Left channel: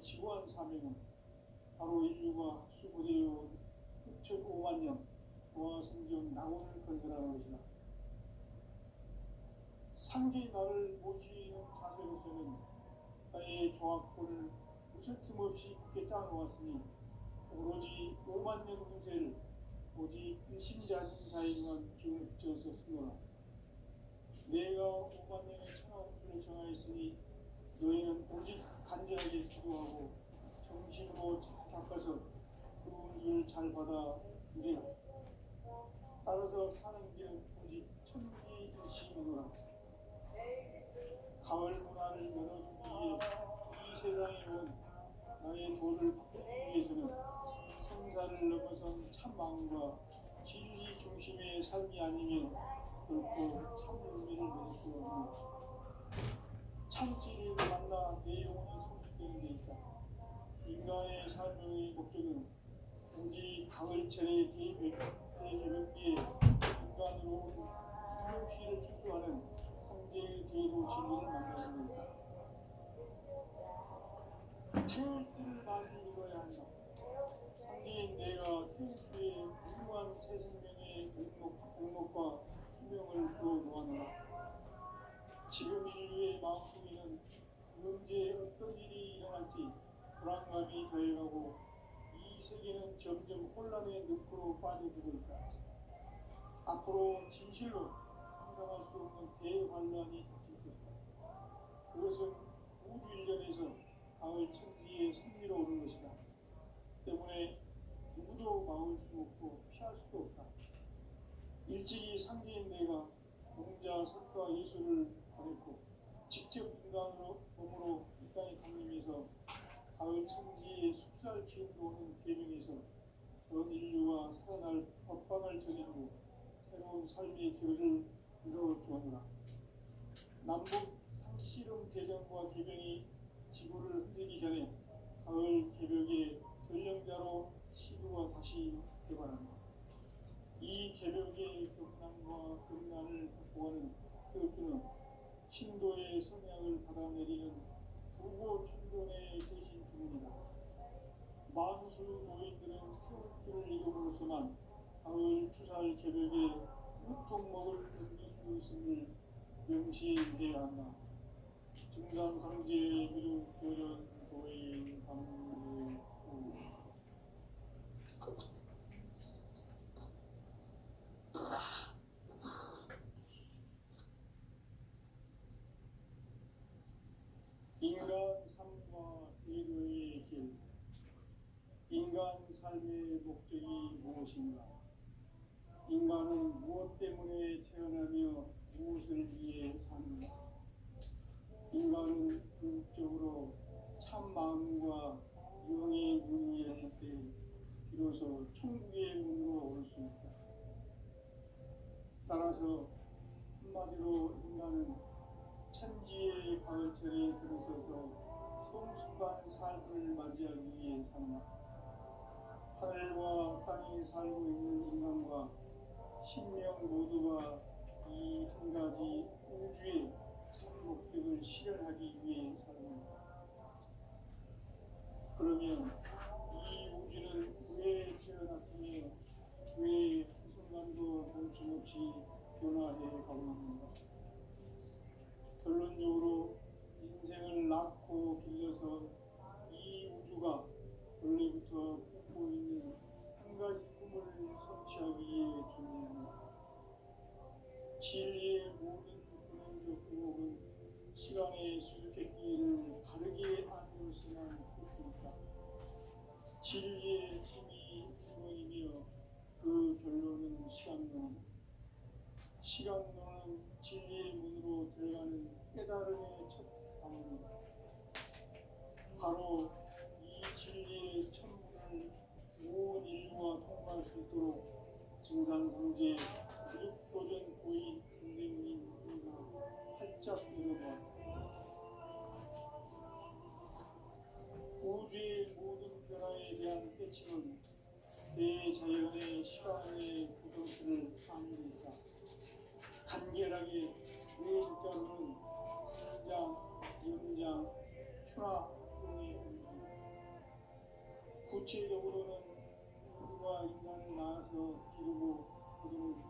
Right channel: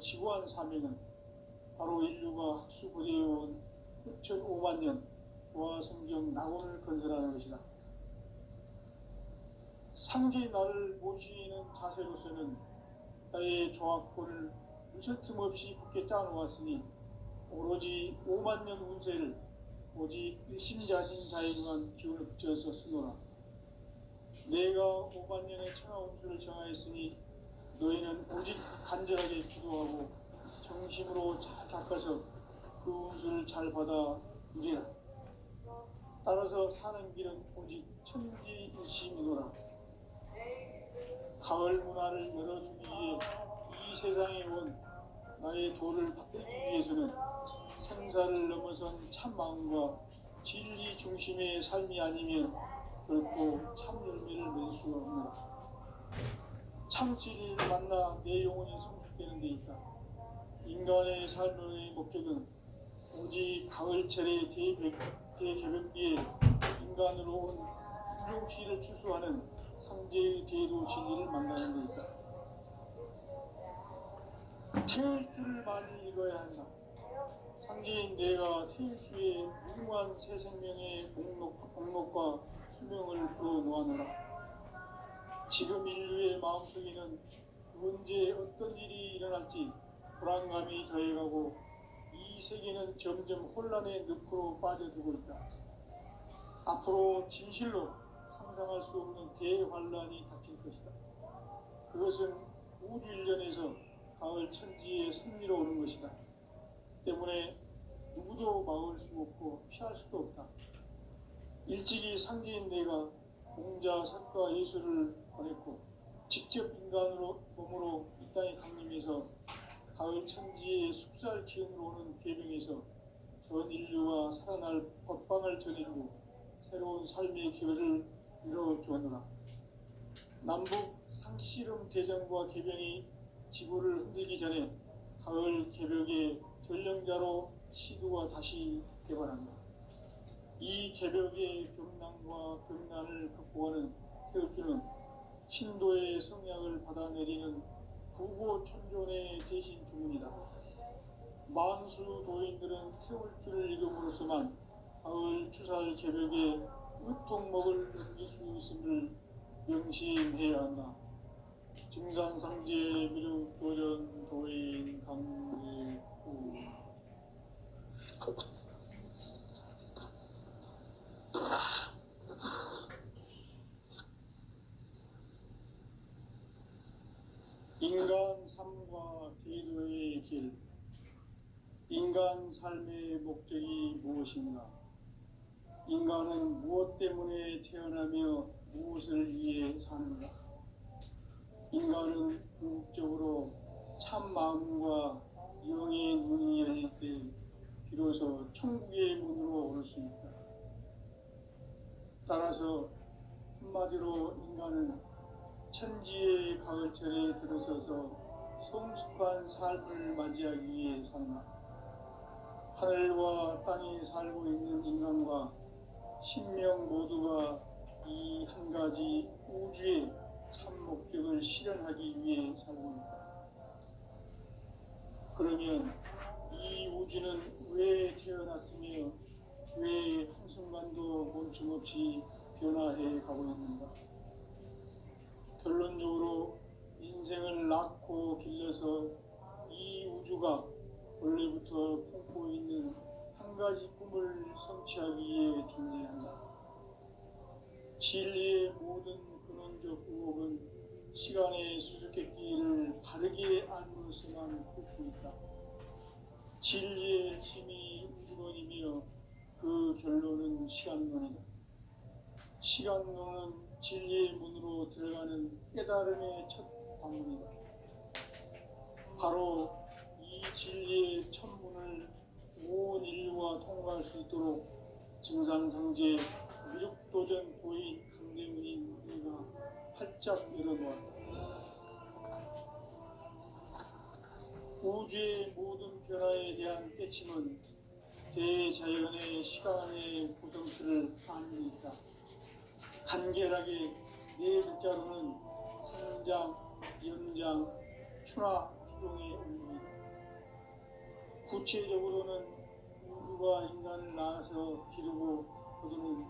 너의 지구한 사명은 바로 인류가 학수고대해온 6,500만 년 고아 성경 낙원을 건설하는 것이다. 상제의 나를 모시는 자세로서는 나의 조합권을 무설틈 없이 굳게 짜놓았으니 오로지 5만 년 운세를 오직 일심자진 자에게만 기운을 붙여서 쓰노라. 내가 5만 년의 천하 운수를 정하였으니 너희는 오직 간절하게 기도하고 정심으로 잘 닦아서 그 운수를 잘 받아 누리라. 따라서 사는 길은 오직 천지일심이노라. 가을 문화를 열어주기 위해 이 세상에 온 나의 도를 받기 위해서는 생사를 넘어선 참 마음과 진리 중심의 삶이 아니면 결코 참 열매를 맺을 수가 없노라. 참 진리를 만나 내 영혼이 성숙되는 데 있다. 인간의 삶의 목적은 오직 가을철의 대개벽기에 인간으로 온 유혹시를 추수하는 상제의 대도 진리를 만나는 데 있다. 태울 줄을 많이 읽어야 한다. 상제인 내가 태울수의 무궁한 새 생명의 목록과 수명을 풀어놓아노라. 지금 인류의 마음속에는 언제 어떤 일이 일어날지 불안감이 더해가고 이 세계는 점점 혼란의 늪으로 빠져들고 있다. 앞으로 진실로 상상할 수 없는 대환란이 닥칠 것이다. 그것은 우주 일전에서 가을 천지의 승리로 오는 것이다. 때문에 누구도 막을 수 없고 피할 수도 없다. 일찍이 상제인 내가 공자, 석가, 예수를 보냈고 직접 인간으로 몸으로 이 땅에 강림해서 가을 천지의 숲살 기운으로 오는 계명에서 전 인류와 살아날 법방을 전해주고 새로운 삶의 기회를 이뤄주었노라. 남북 상씨름 대전과 계병이 지구를 흔들기 전에 가을 개벽의 전령자로 시도가 다시 개발한다. 이 개벽의 격난과 극난을 극복하는 태울주는 신도의 성향을 받아내리는 부고천존의 대신 주문이다. 만수 도인들은 태울주를 읽음으로써만 가을 추살 개벽의 으통목을 넘길 수 있음을 명심해야 한다. 증산상제 미륵 도전 도인 강제구 인간 삶과 대도의 길. 인간 삶의 목적이 무엇인가? 인간은 무엇 때문에 태어나며 무엇을 위해 사는가? 인간은 궁극적으로 참 마음과 영의 문이 열릴 때 비로소 천국의 문으로 오를 수 있다. 따라서 한마디로 인간은 천지의 가을철에 들어서서 성숙한 삶을 맞이하기 위해 산다. 하늘과 땅에 살고 있는 인간과 신명 모두가 이 한 가지 우주의 참 목적을 실현하기 위해 살고 있다. 그러면 이 우주는 왜 태어났으며 왜 한순간도 멈춤없이 변화해 가고 있는가? 결론적으로 인생을 낳고 길러서 이 우주가 원래부터 품고 있는 한 가지 꿈을 성취하기 위해 존재한다. 진리의 모든 근원적 의혹은 시간의 수수께끼를 바르게 알므로서만 풀 수 있다. 진리의 힘이 우주론이며 그 결론은 시간론이다. 시간론은 진리의 문으로 들어가는 깨달음의 첫 방문이다. 바로 이 진리의 첫문을 온 인류가 통과할 수 있도록 증산상제 미륵도전 고인 강대문인 우리가 활짝 열어놓았다. 우주의 모든 변화에 대한 깨침은 대자연의 시간의 구성수를 아는 데 있다. 간결하게 네 글자로는 성장, 연장, 추락, 수동에 올립니다. 구체적으로는 우주가 인간을 낳아서 기르고 거두는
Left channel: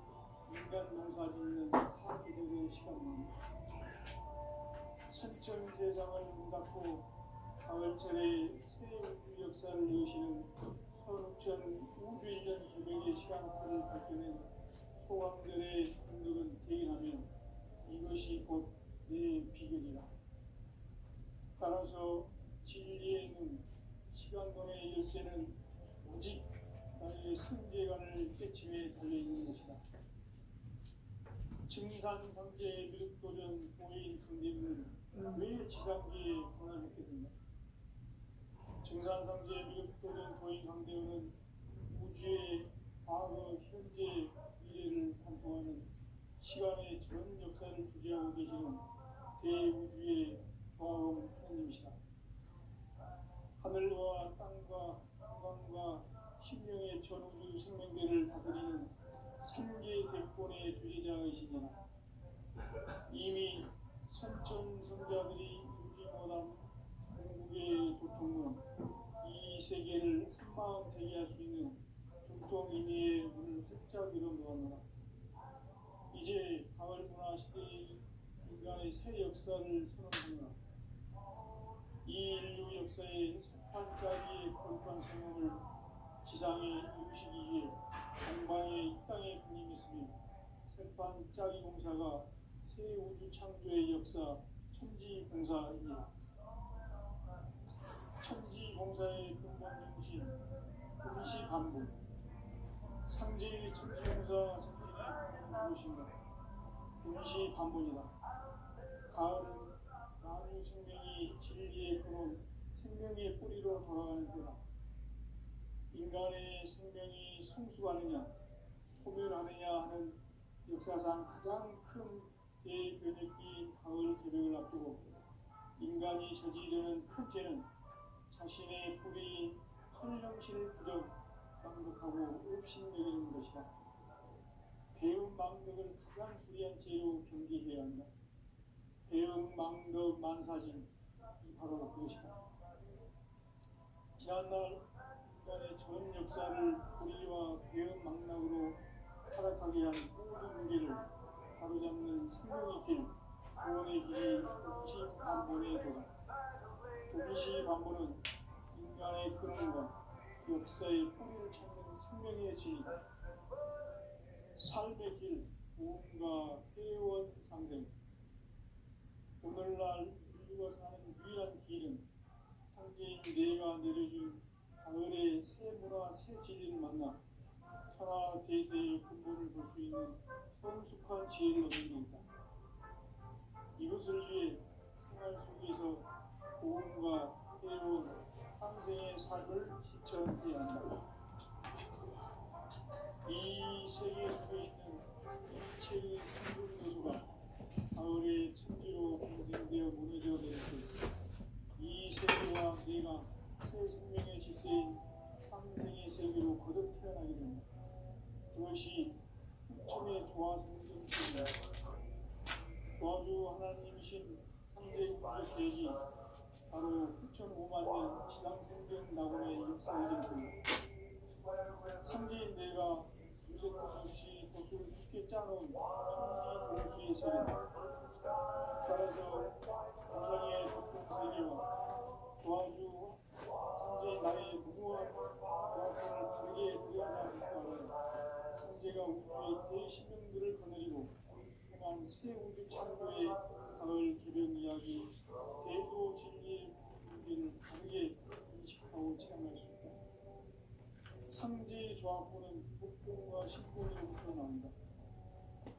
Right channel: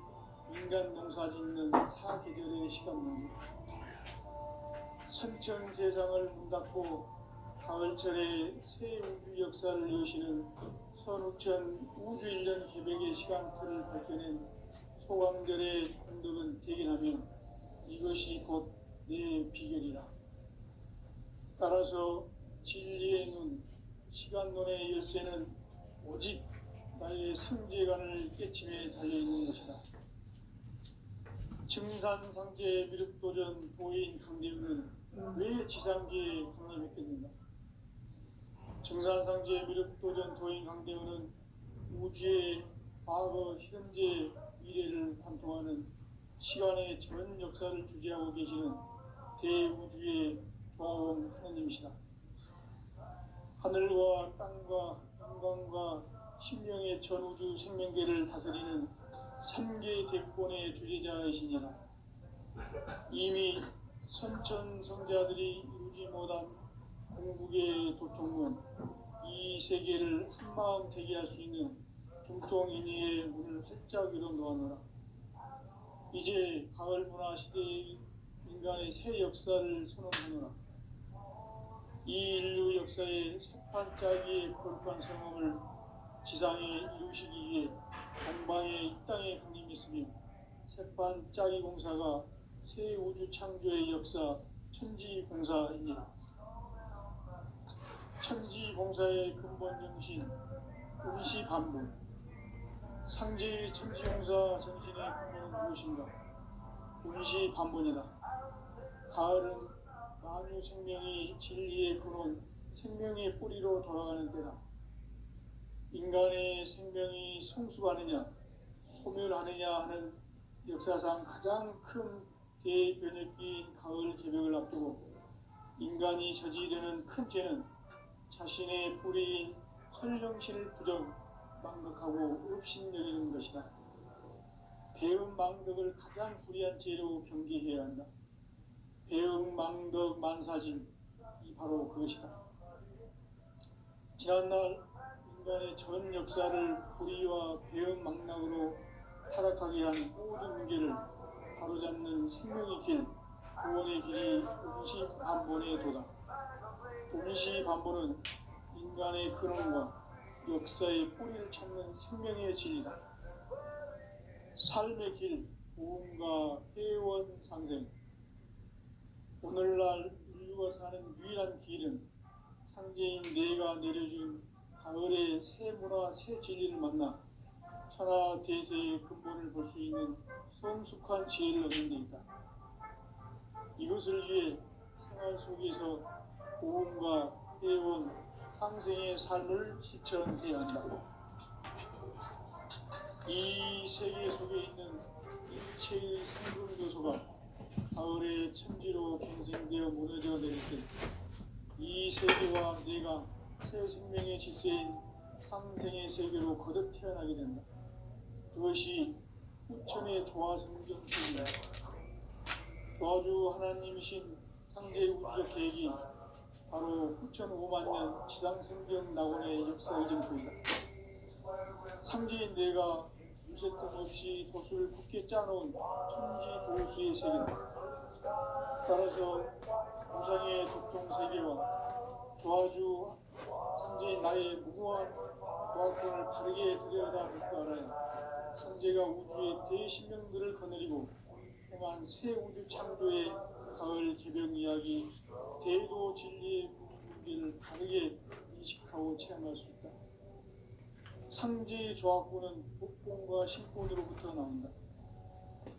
인간 농사 짓는 사계절의 시간입니다. 선천 세상을 문 닫고 가을철에 새 우주 역사를 여시는 선우천 우주일년 개백의 시간틀을 밝혀낸 소강절의 공덕은 대견하면 이것이 곧 내 비결이라. 따라서 진리의 눈, 시간론의 열쇠는 오직 나의 상제관을 깨침에 달려있는 것이다. 증산상제 미륵도전 도인 강대우는 왜 지상계에 도남했겠는가? 증산상제 미륵도전 도인 강대우는 우주의 과거, 현재, 미래를 관통하는 시간의 전 역사를 주재하고 계시는 대우주의 조화원 하나님이시다. 하늘과 땅과 영광과 신명의 전우주 생명계를 다스리는 삼계 대권의 주제자이시니라. 이미 선천성자들이 이루지 못한 공국의 도통문, 이 세계를 한마음 되게 할 수 있는 중통인의의 문을 활짝 열어 놓았노라. 이제 가을 문화 시대의 인간의 새 역사를 선언하노라. 이 인류 역사의 색반짝이의 거룩한 성험을 지상에 이루시기 위해 동방에 이 땅에 강림이 있으며 색반짝이 공사가 새 우주 창조의 역사 천지공사입니다. 천지공사의 근본 정신 운시반부. 상제의 천지공사 정신의 근본은 무엇인가? 운시반분이다. 가을은 만유 생명이 진리의 근원, 생명의 뿌리로 돌아가는 때다. 인간의 생명이 성숙하느냐, 소멸하느냐 하는 역사상 가장 큰 대변혁기인 가을 개벽을 앞두고 인간이 저지르는 큰 죄는 자신의 뿌리인 설령신을 부정, 망덕하고 업신여기는 것이다. 배음 망덕을 가장 불의한 죄로 경계해야 한다. 배음 망덕 만사진, 이 바로 그것이다. 지난날 인간의 전 역사를 불의와 배음 망락으로 타락하게 한 모든 문제를 바로잡는 생명의 길, 구원의 길이 운시반본의 도다. 운시반본은 인간의 근원과 역사의 뿌리를 찾는 생명의 진리다. 삶의 길, 보험과 회원 상생. 오늘날 인류가 사는 유일한 길은 상제인 내가 내려준 가을의 새 문화, 새 진리를 만나 천하 대세의 근본을 볼 수 있는 성숙한 지혜를 얻는 데 있다. 이것을 위해 생활 속에서 보험과 회원, 상생의 삶을 실천해야 한다. 이 세계 속에 있는 일체의 생분 요소가 가을의 천지로 경생되어 무너져 내릴 때 이 세계와 내가 새 생명의 질서인 상생의 세계로 거듭 태어나게 된다. 그것이 후천의 조화성경책이다. 조화주 하나님이신 상제의 우주적 계획이 바로 후천 5만 년 지상생경 낙원의 역사의 정토이다. 상제인 내가 무쇠 틈 없이 돛을 굳게 짜놓은 천지 도수의 세계다. 따라서 우상의 독종 세계와 조화주 상제인 나의 무궁한 조화권을 바르게 들여다볼 줄 알아야 상제가 우주의 대신명들을 거느리고 행한 새 우주 창조의 가을 개벽 이야기, 대도 진리의 무게를 바르게 인식하고 체험할 수 있다. 상제의 조합구는 독권과 신권으로부터 나온다.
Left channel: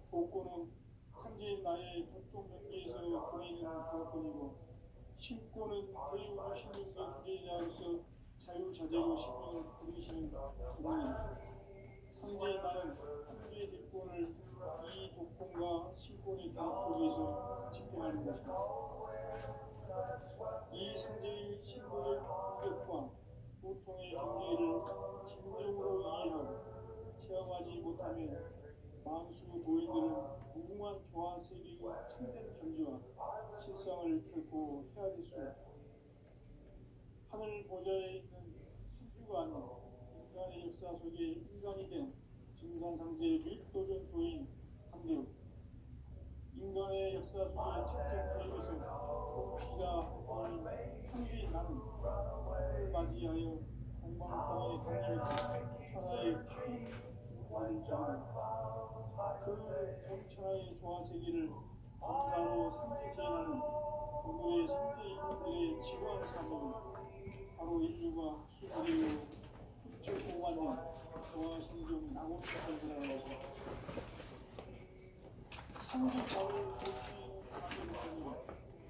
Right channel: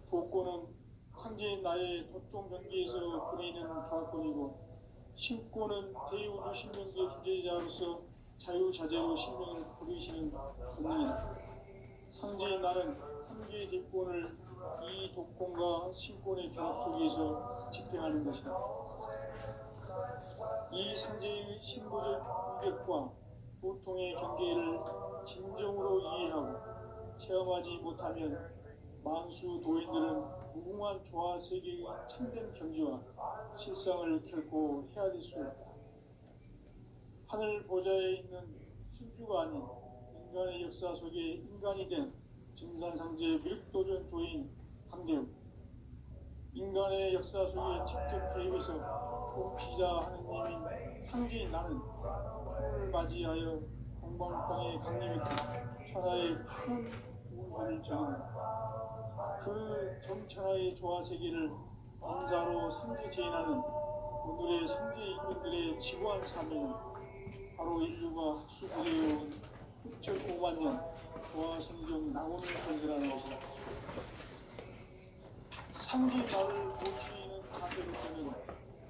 독권은 상제인 나의 도통 경계에서 보이는 조합권이고, 신권은 대우주 신명계 주제자로서 자유자재로 신명을 부르시는 권능이다. 상제인 나는 상계의 뒷권을 이 독권과 신권의 결합 속에서 집행하는 것이다. 이 상제의 신보적 유격과 보통의 경계를 진정으로 이해하고 체험하지 못하면 만수 도인들은 무궁한 조화 세계의 참된 경지와 실상을 결코 헤아릴 수 없다. 하늘 보좌에 있는 천주가 아닌 인간의 역사 속에 인간이 된 증산상제 멸도전 도인 강대우, 인간의 역사 속에 직접 개입해서 공피자 하느님인 상주인 나는 하늘을 맞이하여 공방방에 강림했고 천하의 큰 운세를 정하는 그 정천하의 조화세계를 인사로 상제제인하는 오늘의 상제 인간들의 지구한 사명은 바로 인류가 학수부대해온 6,5만 년 조화생존 낙원을 건설하는 것이다. 상제자를 고치는 가정에서는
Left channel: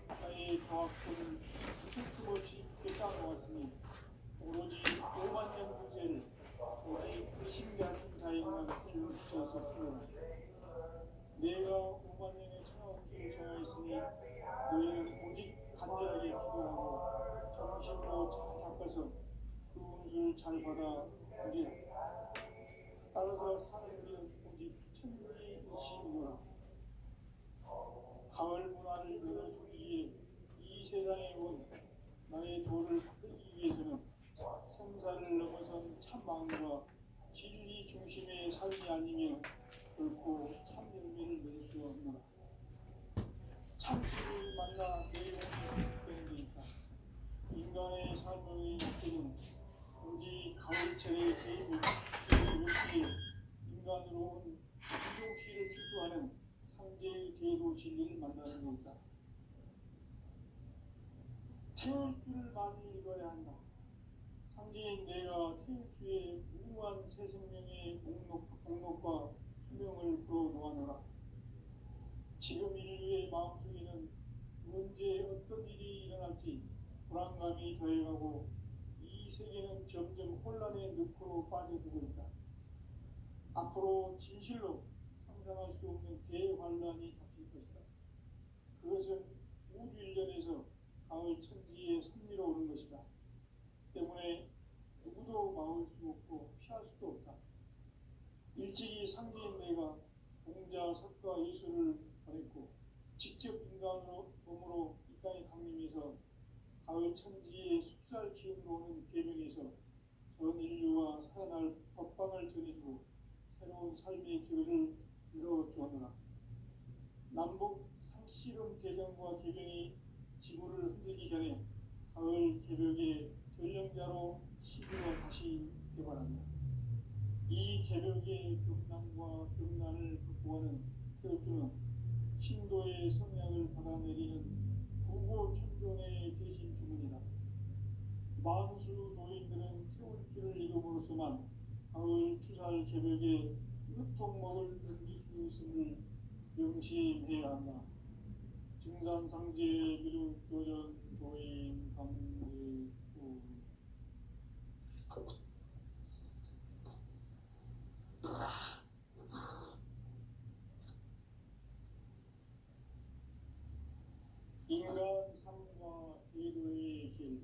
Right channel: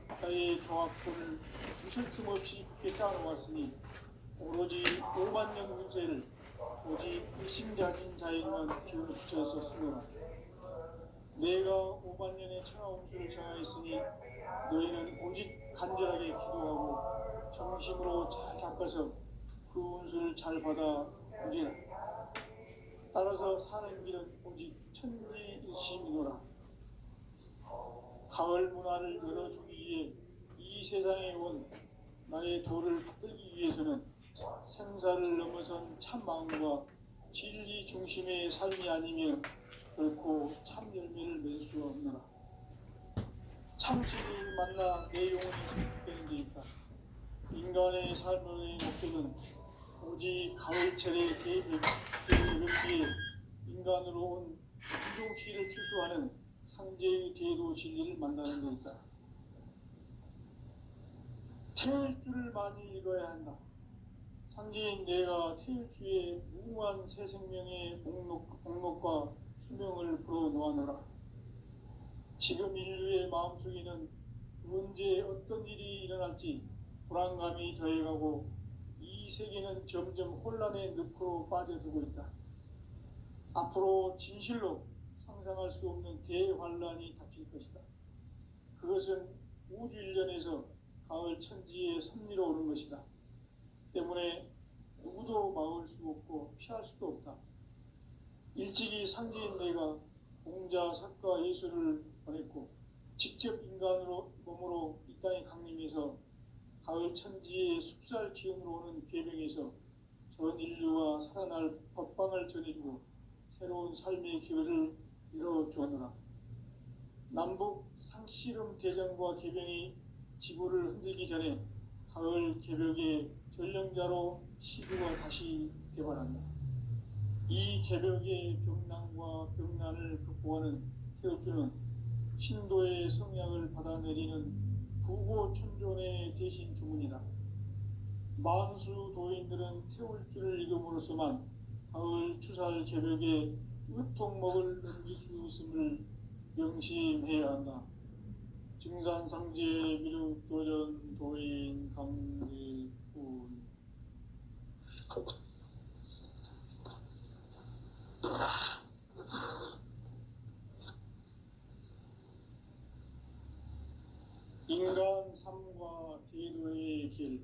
나의 조합권을 무슨 틈 없이 깨달아왔으니 오로지 5만 년 운세를 오직 핵심가진 자에게만 기운을 붙여서 쓰노라. 내가 5만 년의 천하운수를 정하였으니 너희는 오직 간절하게 기도하고 정심으로 잘 닦아서 그 운수를 잘 받아 오리라. 따라서 사는 길은 오직 천지일심이노라. 가을 문화를 열어주기 위해 이 세상에 온 나의 도를 받들기 위해서는 생사를 넘어선 참마음과 진리 중심의 삶이 아니면 결코 참 열매를 맺을 수 없노라. 참치를 만나 내 영혼이 회복되는 데 있다. 인간의 삶의 목적은 오직 가을철의 개입을 위해 인간으로 온 인종시를 추수하는 상제의 제도 진리를 만나는 데 있다. 태일주를 많이 읽어야 한다. 상제인 내가 태일주의 무한 새 생명의 목록과 수명을 풀어놓아노라. 지금 인류의 마음속에는 언제 어떤 일이 일어날지 불안감이 더해가고 이 세계는 점점 혼란의 늪으로 빠져들고 있다. 앞으로 진실로 상상할 수 없는 대환란이 닥칠 것이다. 그것은 우주 일련에서 가을 천지에 섭리로 오는 것이다. 때문에 누구도 막을 수 없고 피할 수도 없다. 일찍이 상제인 내가 공자, 석가, 예수를 보냈고 직접 인간으로 몸으로 이 땅에 강림해서 가을 천지의 숲살 기운으로 오는 계명에서 전 인류와 살아날 법방을 전해주고 새로운 삶의 기회를 열어주었노라. 남북 상씨름 대전과 계병이 지구를 흔들기 전에 가을 개벽의 전령자로 시구가 다시 개발한다. 이 개벽의 병난과 병난을 극복하는 태엽주는 신도의 성향을 받아내리는 부고천존의 대신 주문이다. 만수 도인들은 태울주를 이름으로서만 가을 추살 개벽의 으통목을 넘길 수 있음을 명심해야 한다. 증산상제 미륵도전 도인 강대훈. 인간 삶과 제도의 길.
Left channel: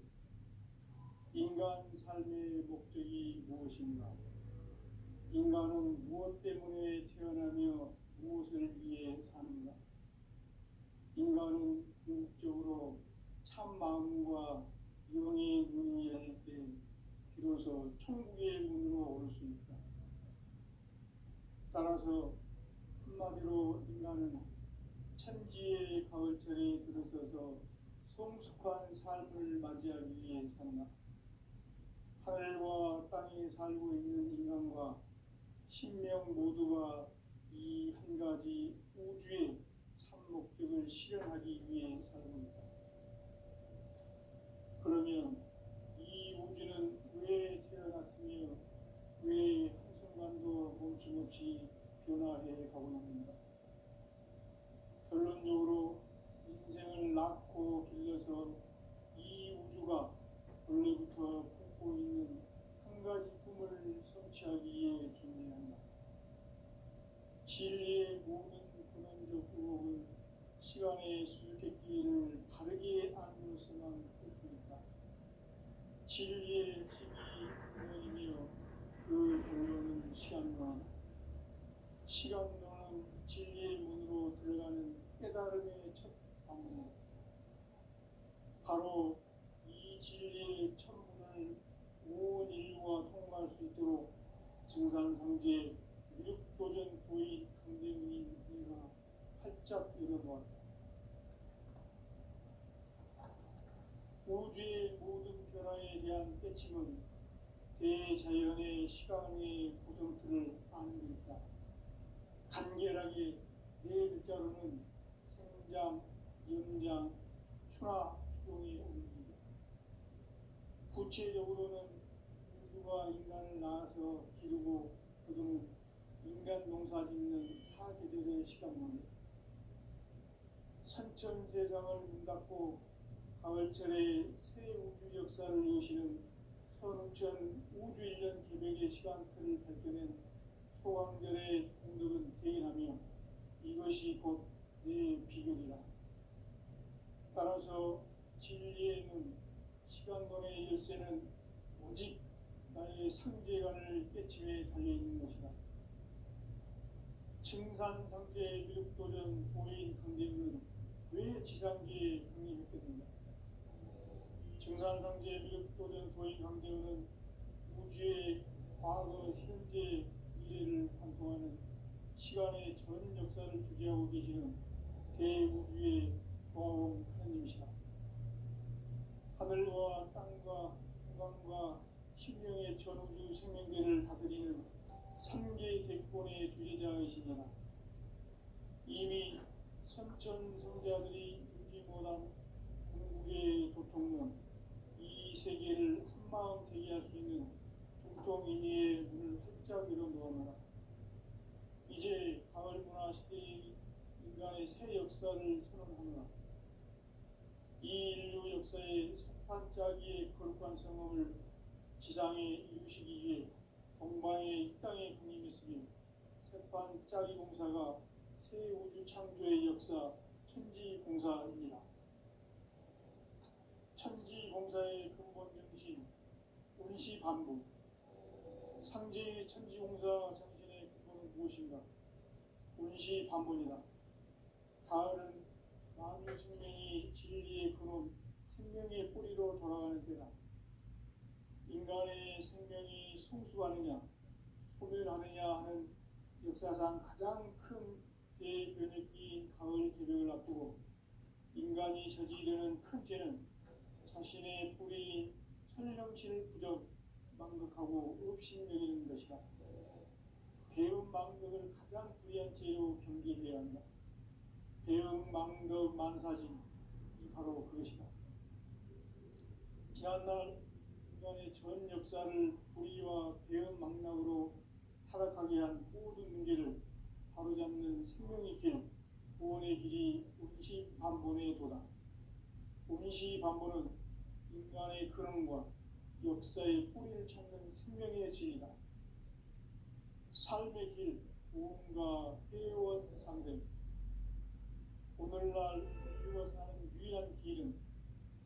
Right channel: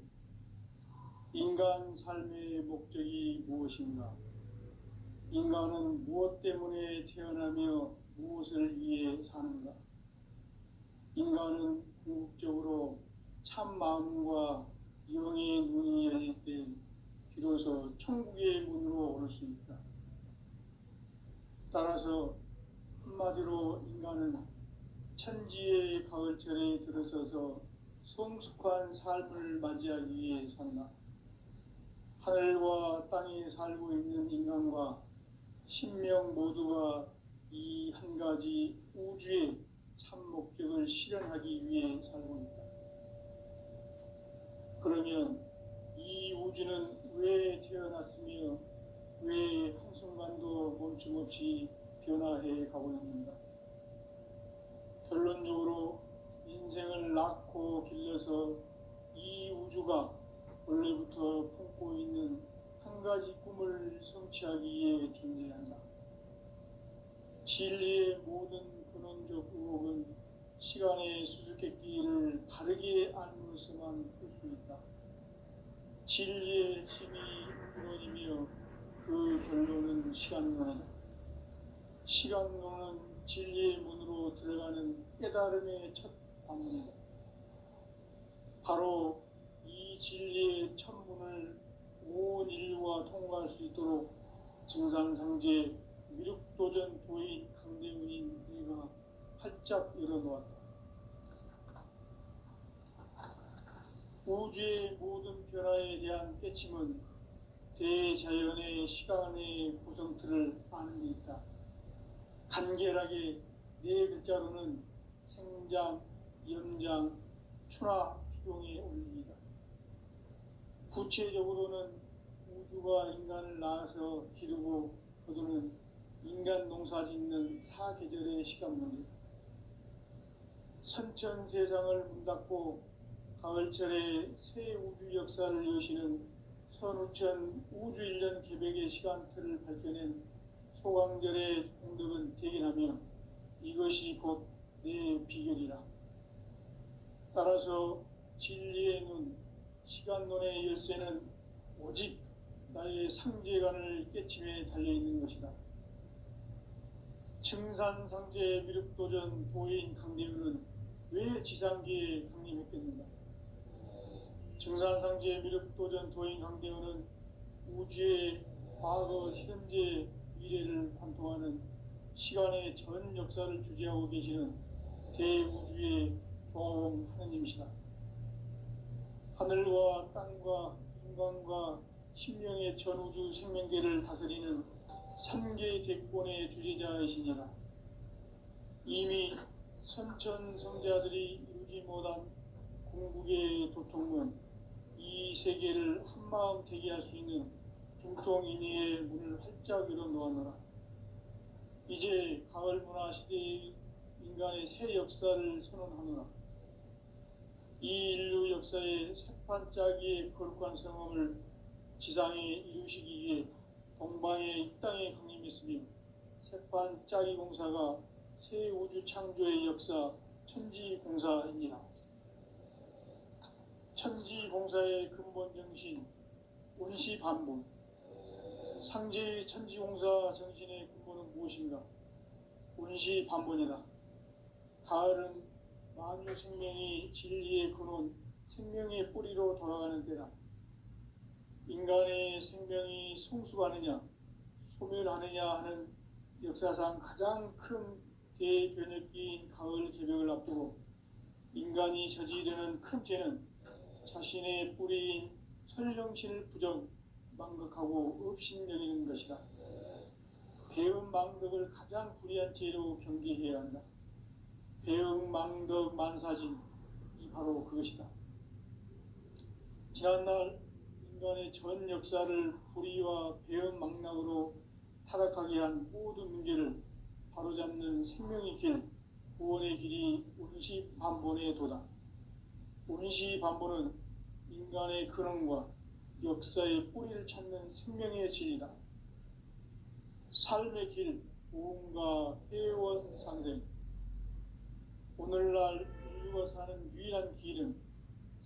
인간 삶의 목적이 무엇인가? 인간은 무엇 때문에 태어나며 무엇을 위해 사는가? 인간은 궁극적으로 참 마음과 영의 눈이 열릴 때 비로소 천국의 문으로 오를 수 있다. 따라서 한마디로 인간은 천지의 가을철에 들어서서 성숙한 삶을 맞이하기 위해 산다. 하늘과 땅에 살고 있는 인간과 신명 모두가 이 한 가지 우주의 참 목적을 실현하기 위해 살고 있다. 그러면 이 우주는 왜 태어났으며 왜 한순간도 멈춤없이 변화해 가고 있는가? 결론적으로 인생을 낳고 길러서 이 우주가 원래부터 품고 있는 한 가지 꿈을 성취하기 위해 존재한다. 진리의 모든 근원적 의혹은 시간의 수수께끼를 바르게 안으로서만 풀 수 있다. 진리의 힘이 근원이며 그 결론은 시간론이다. 시간론은 진리의 문으로 들어가는 깨달음의 첫 방문이다. 바로 이 진리의 천문을 온 인류가 통과할 수 있도록 증산상제 미륵도전 도인 강대문인 네가 활짝 열어놓았다. 우주의 모든 변화에 대한 깨침은 대자연의 시간의 구성틀을 아는 데 있다. 간결하게 네 글자로는 생장, 연장, 추나 추동의 원리이다. 구체적으로는 우주가 인간을 낳아서 기르고 거두는 인간 농사 짓는 사계절의 시간 문제, 선천 세상을 문 닫고 가을철에 새 우주 역사를 여시는 선우천 우주 1년 계백의 시간틀을 밝혀낸 소강절의 공덕은 대견하며 이것이 곧 내 비결이라. 따라서 진리의 눈, 시간론의 열쇠는 오직 나의 상제관을 깨침에 달려있는 것이다. 증산상제 미륵도전 도인 강대문은 왜 지상계에 강림했겠는가? 증산상제 미륵도전 도인 강대문은 우주의 과거, 현재, 미래를 관통하는 시간의 전 역사를 주재하고 계시는 대우주의 조화원 하느님이시다. 하늘과 땅과 인간과 신명의 전우주 생명계를 다스리는 3개 대권의 주제자이시니라. 이미 선천 성자들이 이루지 못한 궁극의 도통문, 이 세계를 한마음 되게 할 수 있는 중통인의의 문을 활짝 열어놓았노라. 이제 가을 문화 시대의 인간의 새 역사를 선언하노라. 이 인류 역사의 새판짜기의 거룩한 성험을 지상에 이루시기 위해 동방의 이 땅에 강림했으며 새판짜기 공사가 새 우주 창조의 역사 천지공사입니다. 천지공사의 근본 정신 온시반복, 상제의 천지공사 정신의 근본은 무엇인가? 온시반복이다. 가을은 만유 생명이 진리의 근원, 생명의 뿌리로 돌아가는 때다. 인간의 생명이 성숙하느냐, 소멸하느냐 하는 역사상 가장 큰 대변혁기인 가을 개벽을 앞두고 인간이 저지르는 큰 죄는 자신의 뿌리인 설령신을 부정, 망극하고 업신여기는 것이다. 배음 망덕을 가장 불의한 죄로 경계해야 한다. 배음 망덕 만사진이 바로 그것이다. 지난날 인간의 전 역사를 불의와 배음 망락으로 타락하게 한 모든 문제를 바로잡는 생명의 길, 구원의 길이 온시반본의 도다. 온시반본은 인간의 근원과 역사의 뿌리를 찾는 생명의 질이다. 삶의 길, 보험과 회원 상생. 오늘날 인류가 사는 유일한 길은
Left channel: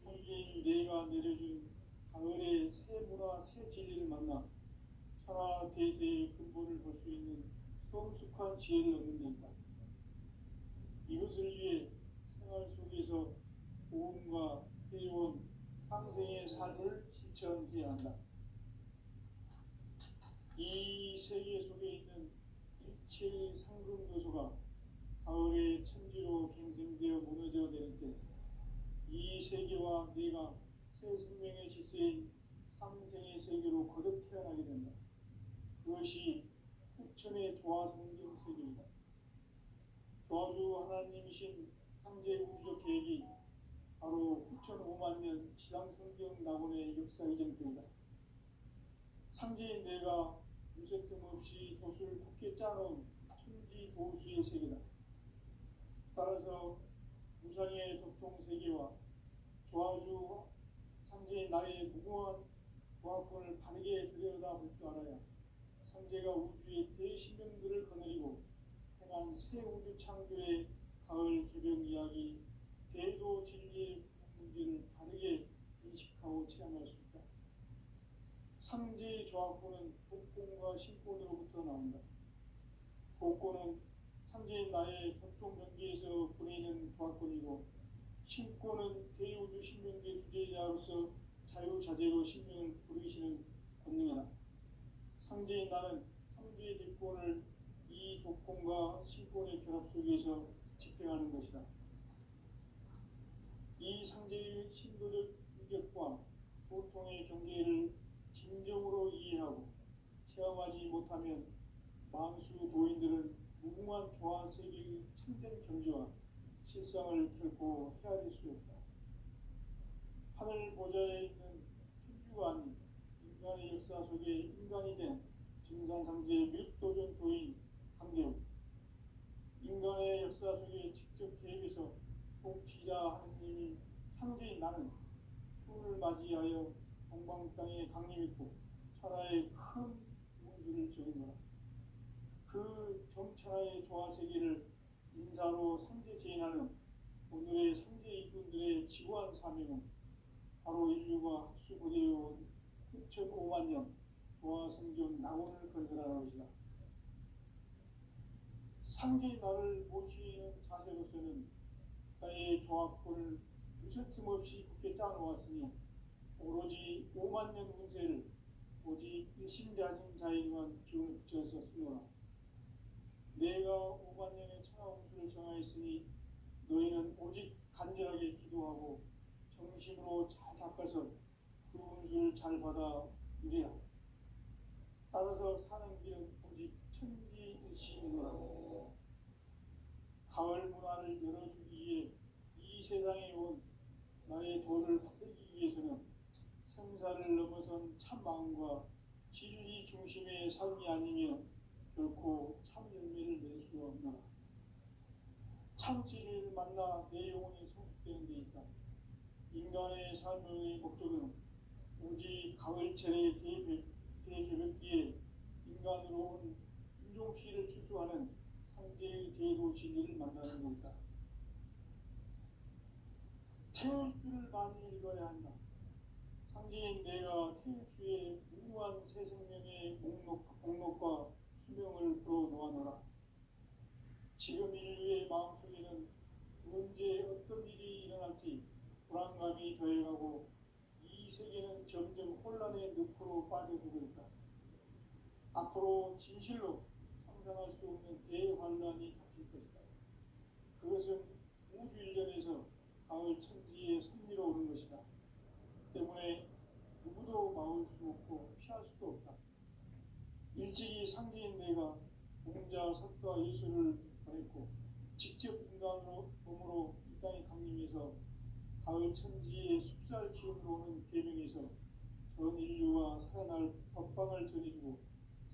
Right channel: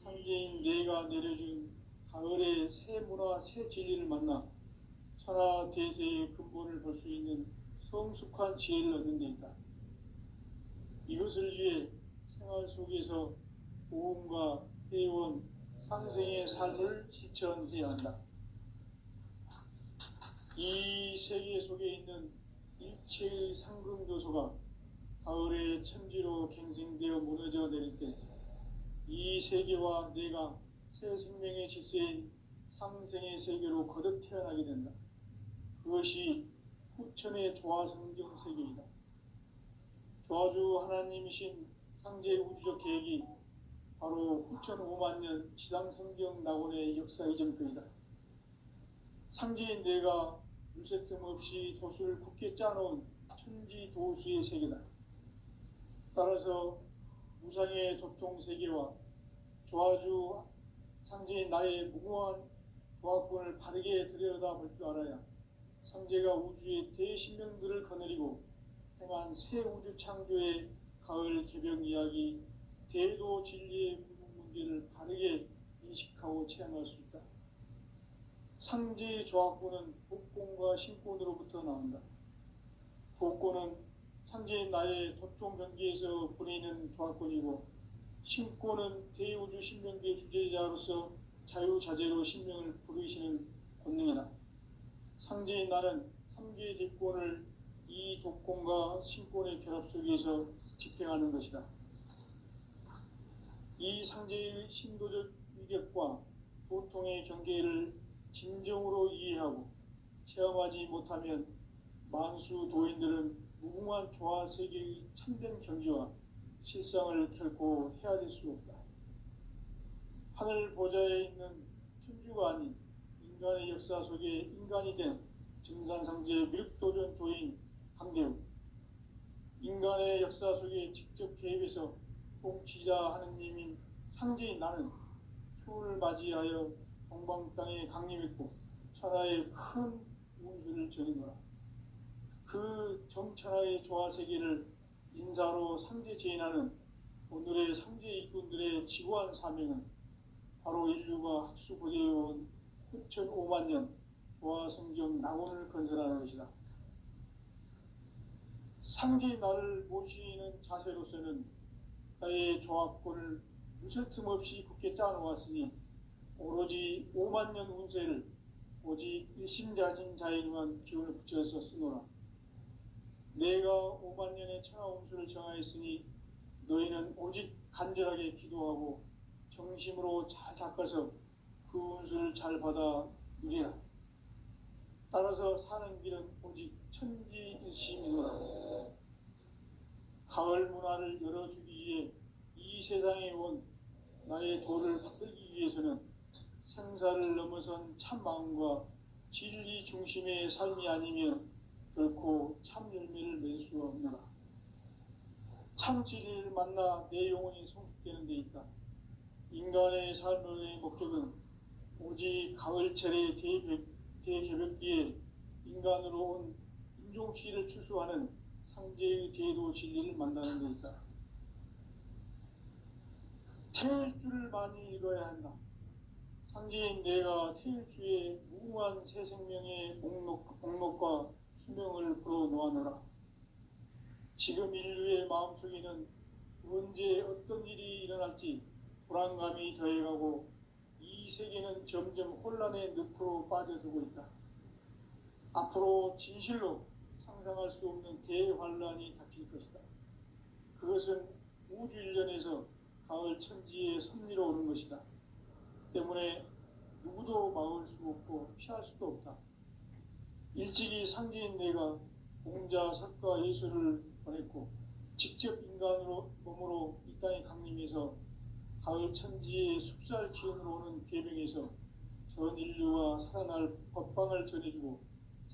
상제인 내가 내려준 가을의 새 문화, 새 진리를 만나 천하 대세의 근본을 볼 수 있는 성숙한 지혜를 얻는 데 있다. 이것을 위해 생활 속에서 보험과 회원, 상생의 삶을 실천해야 한다. 이 세계 속에 있는 일체의 상금 요소가 가을의 천지로 갱생되어 무너져 내릴 때 이 세계와 내가 새 생명의 질서인 상생의 세계로 거듭 태어나게 된다. 그것이 후천의 조화성경 세계이다. 조화주 하나님이신 상제 우주적 계획이 바로 후천 5만 년 지상성경 낙원의 역사 이전편이다. 상제인 내가 물새틈 없이 도수를 굳게 짜놓은 천지도수의 세계다. 따라서 무상의 도통세계와 조화주 상제인 나의 무궁한 조화권을 바르게 들여다볼 줄 알아야 상제가 우주의 대신명들을 거느리고 행한 새 우주 창조의 가을 개벽 이야기, 대도 진리의 문제를 바르게 인식하고 체험할 수 있다. 상제의 조화권은 복권과 신권으로부터 나온다. 복권은 상제인 나의 도통 경계에서 보내는 조화권이고, 신권은 대우주 신명계 주제자로서 자유자재로 sinh命을 부르시는 권능이다. 상제인 나는 3개의 뒷권을 이 독권과 신권의 결합 속에서 집행하는 것이다. 이 상제의 신도적 위력과 보통의 경계를 진정으로 이해하고 체험하지 못하면 만수 도인들은 무궁한 조화 세계의 참된 경지와 실상을 결코 헤아릴 수 없다. 하늘 보좌에 있는 천주가 아닌 인간의 역사 속에 인간이 된 증산상제 미륵도전 도인 강대우, 인간의 역사 속에 직접 개입해서 통치자 하느님인 상제인 나는 추운을 맞이하여 동방 땅에 강림했고 천하의 큰 운수를 전했노라. 그 정천하의 조화세계를 인사로 상제 제인하는 오늘의 상제 일꾼들의 지구한 사명은 바로 인류가 학수고대해온 6,500만 년 조화성경 낙원을 건설하는 것이다. 상제인 나를 모시는 자세로서는 나의 조합권을 무쇠틈 없이 굳게 짜놓았으니 오로지 5만 년 운세를 오직 일심자진 자에게만 기운을 붙여서 쓰노라. 내가 5만 년의 천하 운수를 정하였으니 너희는 오직 간절하게 기도하고 정심으로 잘 닦아서 그 운수를 잘 받아 누리라. 따라서 사는 길은 오직 천지일심이노라. 가을 문화를 열어주기 위해 이 세상에 온 나의 도를 받들기 위해서는 생사를 넘어선 참 마음과 진리 중심의 삶이 아니면 결코 참 열매를 맺을 수 없노라. 참 진리를 만나 내 영혼이 성숙되는 데 있다. 인간의 삶의 목적은 오직 가을철의 대개벽기에 인간으로 온 인종시를 추수하는 상제의 대도 진리를 만나는 데 있다. 태일주를 많이 읽어야 한다. 상제인 내가 태일주의 무궁한 새 생명의 목록과 수명을 불어놓아노라. 지금 인류의 마음속에는 언제 어떤 일이 일어날지 불안감이 더해가고 이 세계는 점점 혼란의 늪으로 빠져들고 있다. 앞으로 진실로 상상할 수 없는 대환란이 닥칠 것이다. 그것은 우주 일련에서 가을 천지의 섭리로 오는 것이다. 때문에 누구도 막을 수 없고 피할 수도 없다. 일찍이 상제인 내가 공자, 석가, 예수를 보냈고 직접 인간으로 몸으로 이 땅에 강림해서 가을 천지의 숲살 기운으로 오는 계명에서 전 인류가 살아날 법방을 전해주고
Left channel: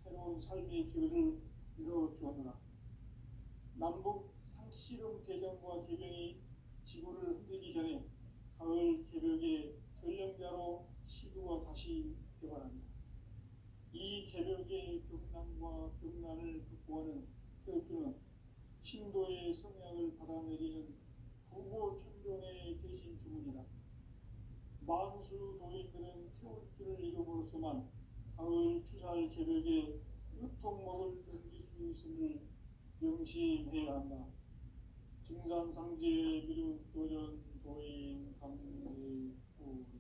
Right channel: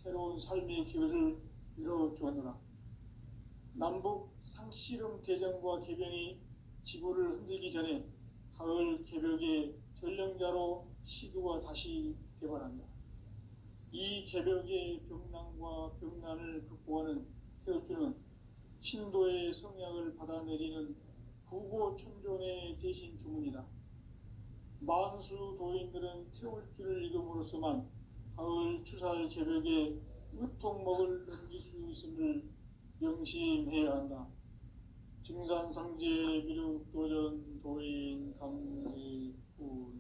새로운 삶의 기회를 이뤄주었노라. 남북 상씨름 대전과 개병이 지구를 흔들기 전에 가을 개벽의 전령자로 시도가 다시 개발한다. 이 개벽의 병난과 병난을 극복하는 태울주는 신도의 성약을 받아내리는 부고천존의 대신 주문이다. 만수 도인들은 태울주를 읽음으로써만 가을 추살 개벽의 으통목을 넘길 수 있음을 명심해야 한다. 증산상제 미륵도전 도인 강대훈.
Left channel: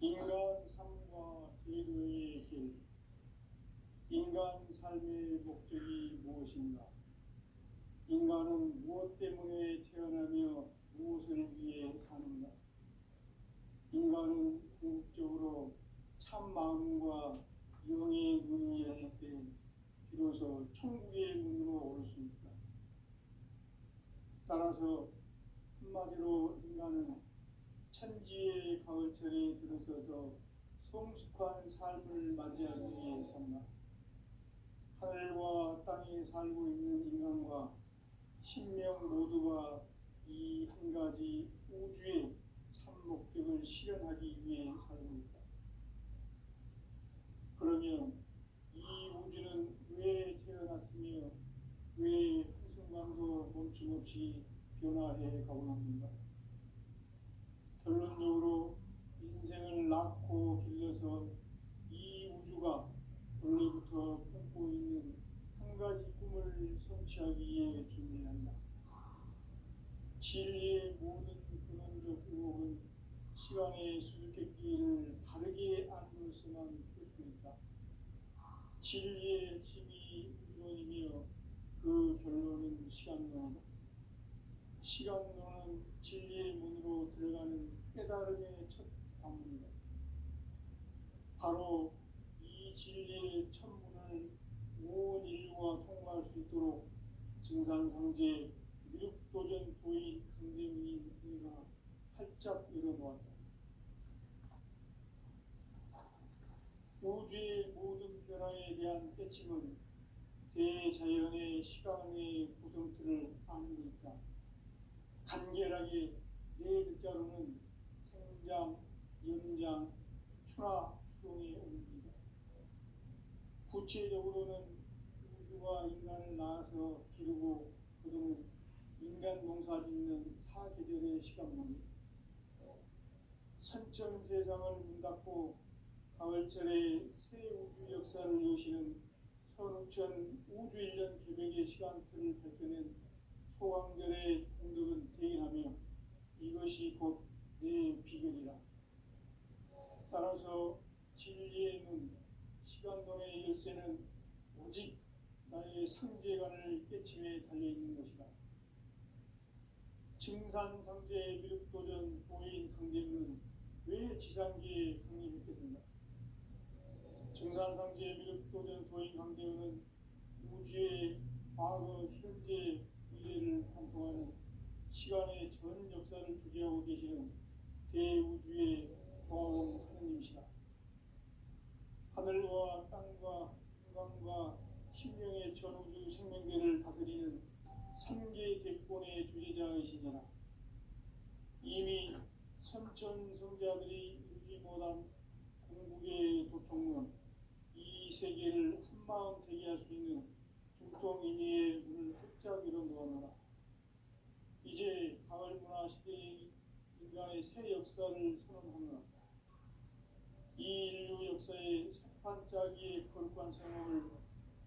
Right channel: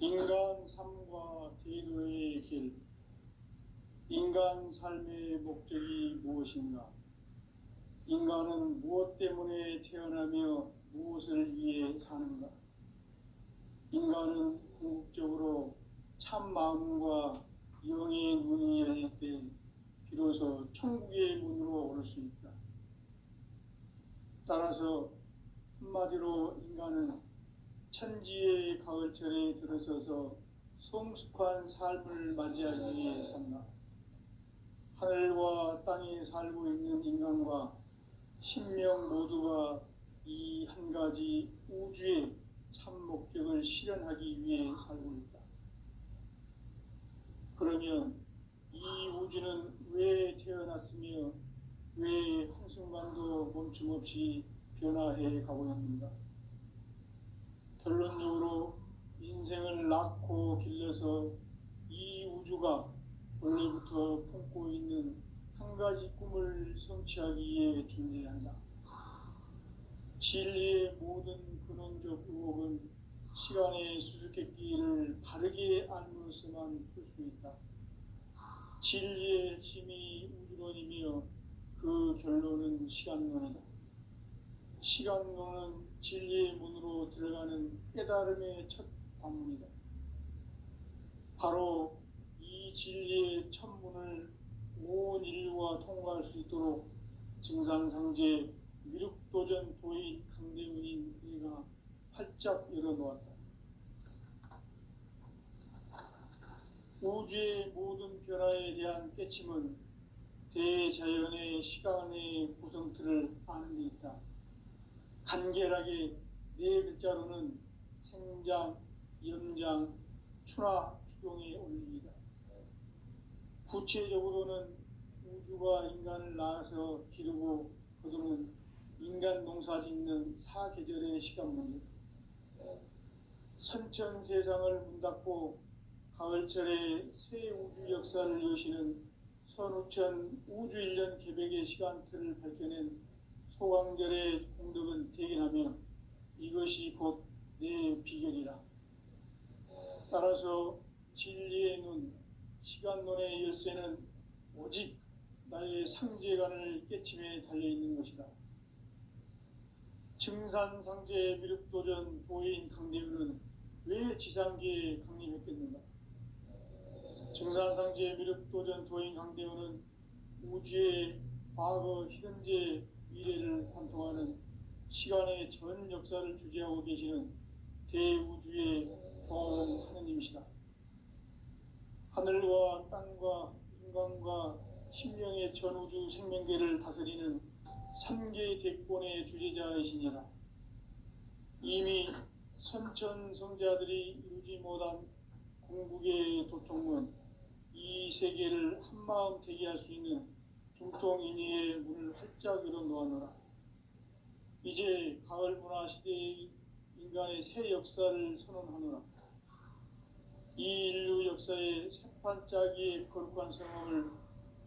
인간 삶과 제도의 길. 인간 삶의 목적이 무엇인가? 인간은 무엇 때문에 태어나며 무엇을 위해 사는가? 인간은 궁극적으로 참 마음과 영의 문이 열릴 때 비로소 천국의 문으로 올 수 있다. 따라서 한마디로 인간은 천지의 가을철에 들어서서 성숙한 삶을 맞이하기 위해 산다. 하늘과 땅에 살고 있는 인간과 신명 모두가 이 한 가지 우주의 참 목적을 실현하기 위해 살고 있다. 그러면 이 우주는 왜 태어났으며 왜 한순간도 멈춤없이 변화해 가고 있는가? 결론적으로 인생을 낳고 길러서 이 우주가 원래부터 품고 있는 한 가지 꿈을 성취하기 위해 존재한다. 진리의 모든 근원적 의혹은 시간의 수수께끼를 바르게 알므로서만 풀 수 있다. 진리의 핵심이 우주론이며 그 결론은 시간론이다. 시간론은 진리의 문으로 들어가는 깨달음의 첫 관문이다. 바로 이 진리의 첫 문을 온 인류가 통과할 수 있도록 증산상제 미륵도전 도인 강대문인 내가 활짝 열어놓았다. 우주의 모든 변화에 대한 깨침은 대자연의 시간의 구성틀을 아는 데 있다. 간결하게 네 글자로는 생장, 연장, 추나 추동에 올립니다. 구체적으로는 우주가 인간을 낳아서 기르고 거두는 인간 농사 짓는 사계절의 시간 문제, 선천 세상을 문 닫고 가을철에 새 우주 역사를 여시는 선우천 우주 1년 계백의 시간틀을 밝혀낸 소강절의 공덕은 대견하며 이것이 곧 내 비결이라. 따라서 진리의 눈, 시간론의 열쇠는 오직 나의 상제관을 깨침에 달려있는 것이다. 증산상제 미륵도전 도인 강대문은 왜 지상계에 강림했겠는가? 증산상제 미륵도전 도인 강대문은 우주의 과거, 현재, 미래를 관통하는 시간의 전 역사를 주재하고 계시는 대우주의 조화원 하느님이시다. 하늘과 땅과 인간과 신명의 전우주 생명계를 다스리는 3개 대권의 주재자이시니라. 이미 선천성자들이 이루지 못한 궁극의 도통문, 이 세계를 한마음 되게 할 수 있는 중통인의의 문을 활짝 열어놓아노라. 이제 가을 문화 시대의 인간의 새 역사를 선언하노라. 이 인류 역사의 새판짜기의 거룩한 성험을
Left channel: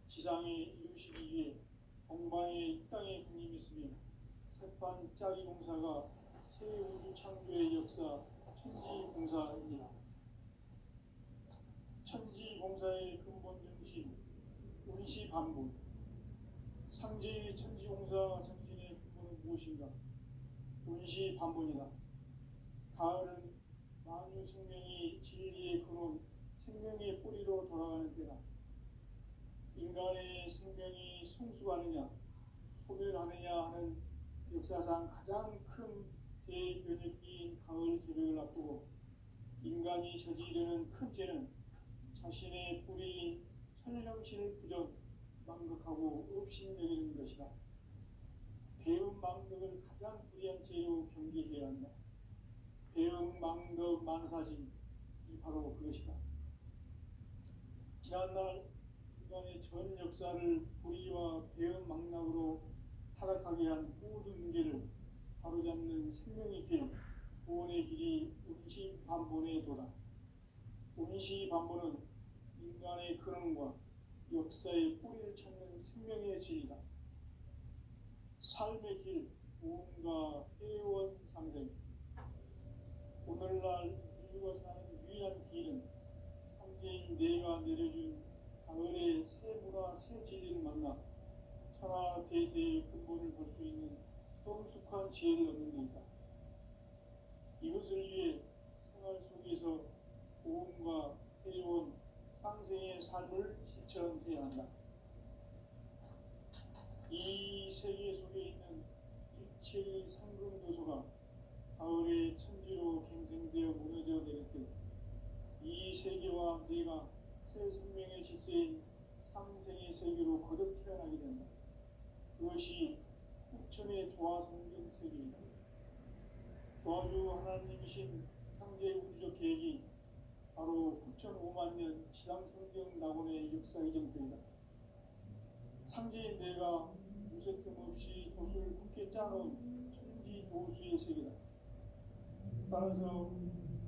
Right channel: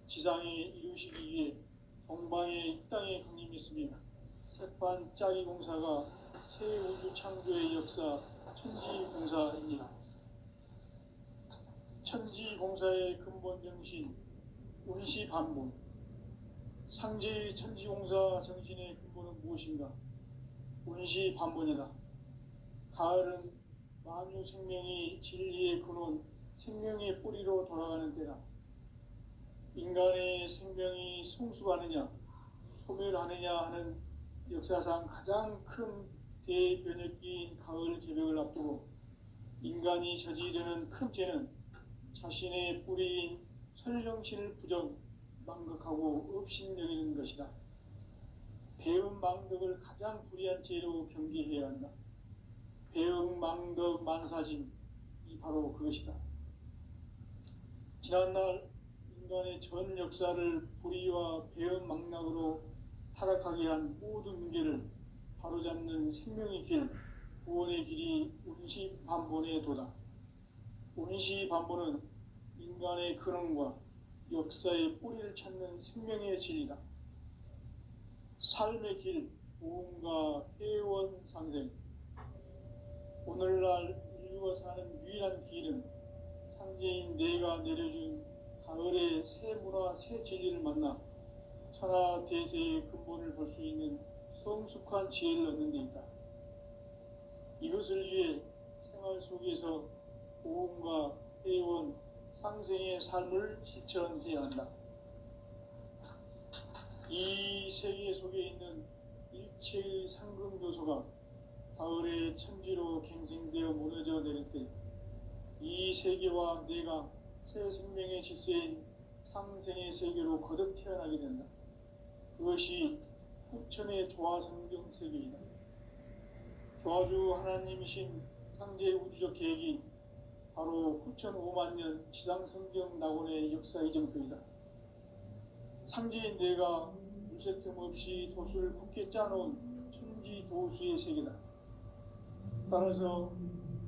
지상에 이루시기 위해 동방의 이 땅에 강림했으며 새판짜기 공사가 새 우주 창조의 역사 천지공사이니라. 천지공사의 근본 정신 운시반본, 상제의 천지공사 정신의 근본은 무엇인가? 운시반본이다. 가을은 만유 생명이 진리의 근원, 생명의 뿌리로 돌아가는 때다. 인간의 생명이 성숙하느냐, 소멸하느냐 하는 역사상 가장 큰 대변혁기인 가을 개벽을 앞두고 인간이 저지르는 큰 죄는 자신의 뿌리인 설령신을 부정, 망각하고 업신여기는 것이다. 배음 망덕을 가장 불의한 죄로 경계해야 한다. 배음 망덕 만사진이 바로 그것이다. 지난날 인간의 전 역사를 불의와 배음 망락으로 타락하게 한 모든 문제를 바로잡는 생명의 길, 구원의 길이 운시반본의 도다. 운시반본은 인간의 근원과 역사의 뿌리를 찾는 생명의 진리다. 삶의 길, 보험과 회원 상생. 오늘날 인류가 사는 유일한 길은 상제인 내가 내려준 가을의 새 문화, 새 진리를 만나 천하 대세의 근본을 볼 수 있는 성숙한 지혜를 얻는 데 있다. 이것을 위해 생활 속에서 보험과 회원, 상생의 삶을 실천해야 한다. 이 세계 속에 있는 일체의 상금도소가 가을의 천지로 갱생되어 무너져 내릴 때 이 세계와 내가 새 생명의 질서인 상생의 세계로 거듭 태어나게 된다. 그것이 후천의 조화성경 세계이다. 조화주 하나님이신 상제 우주적 계획이 바로 후천 5만 년 지상성경 낙원의 역사 이정표이다. 상제인 내가 무쇠 틈 없이 도수를 굳게 짜놓은 천지도수의 세계다. 따라서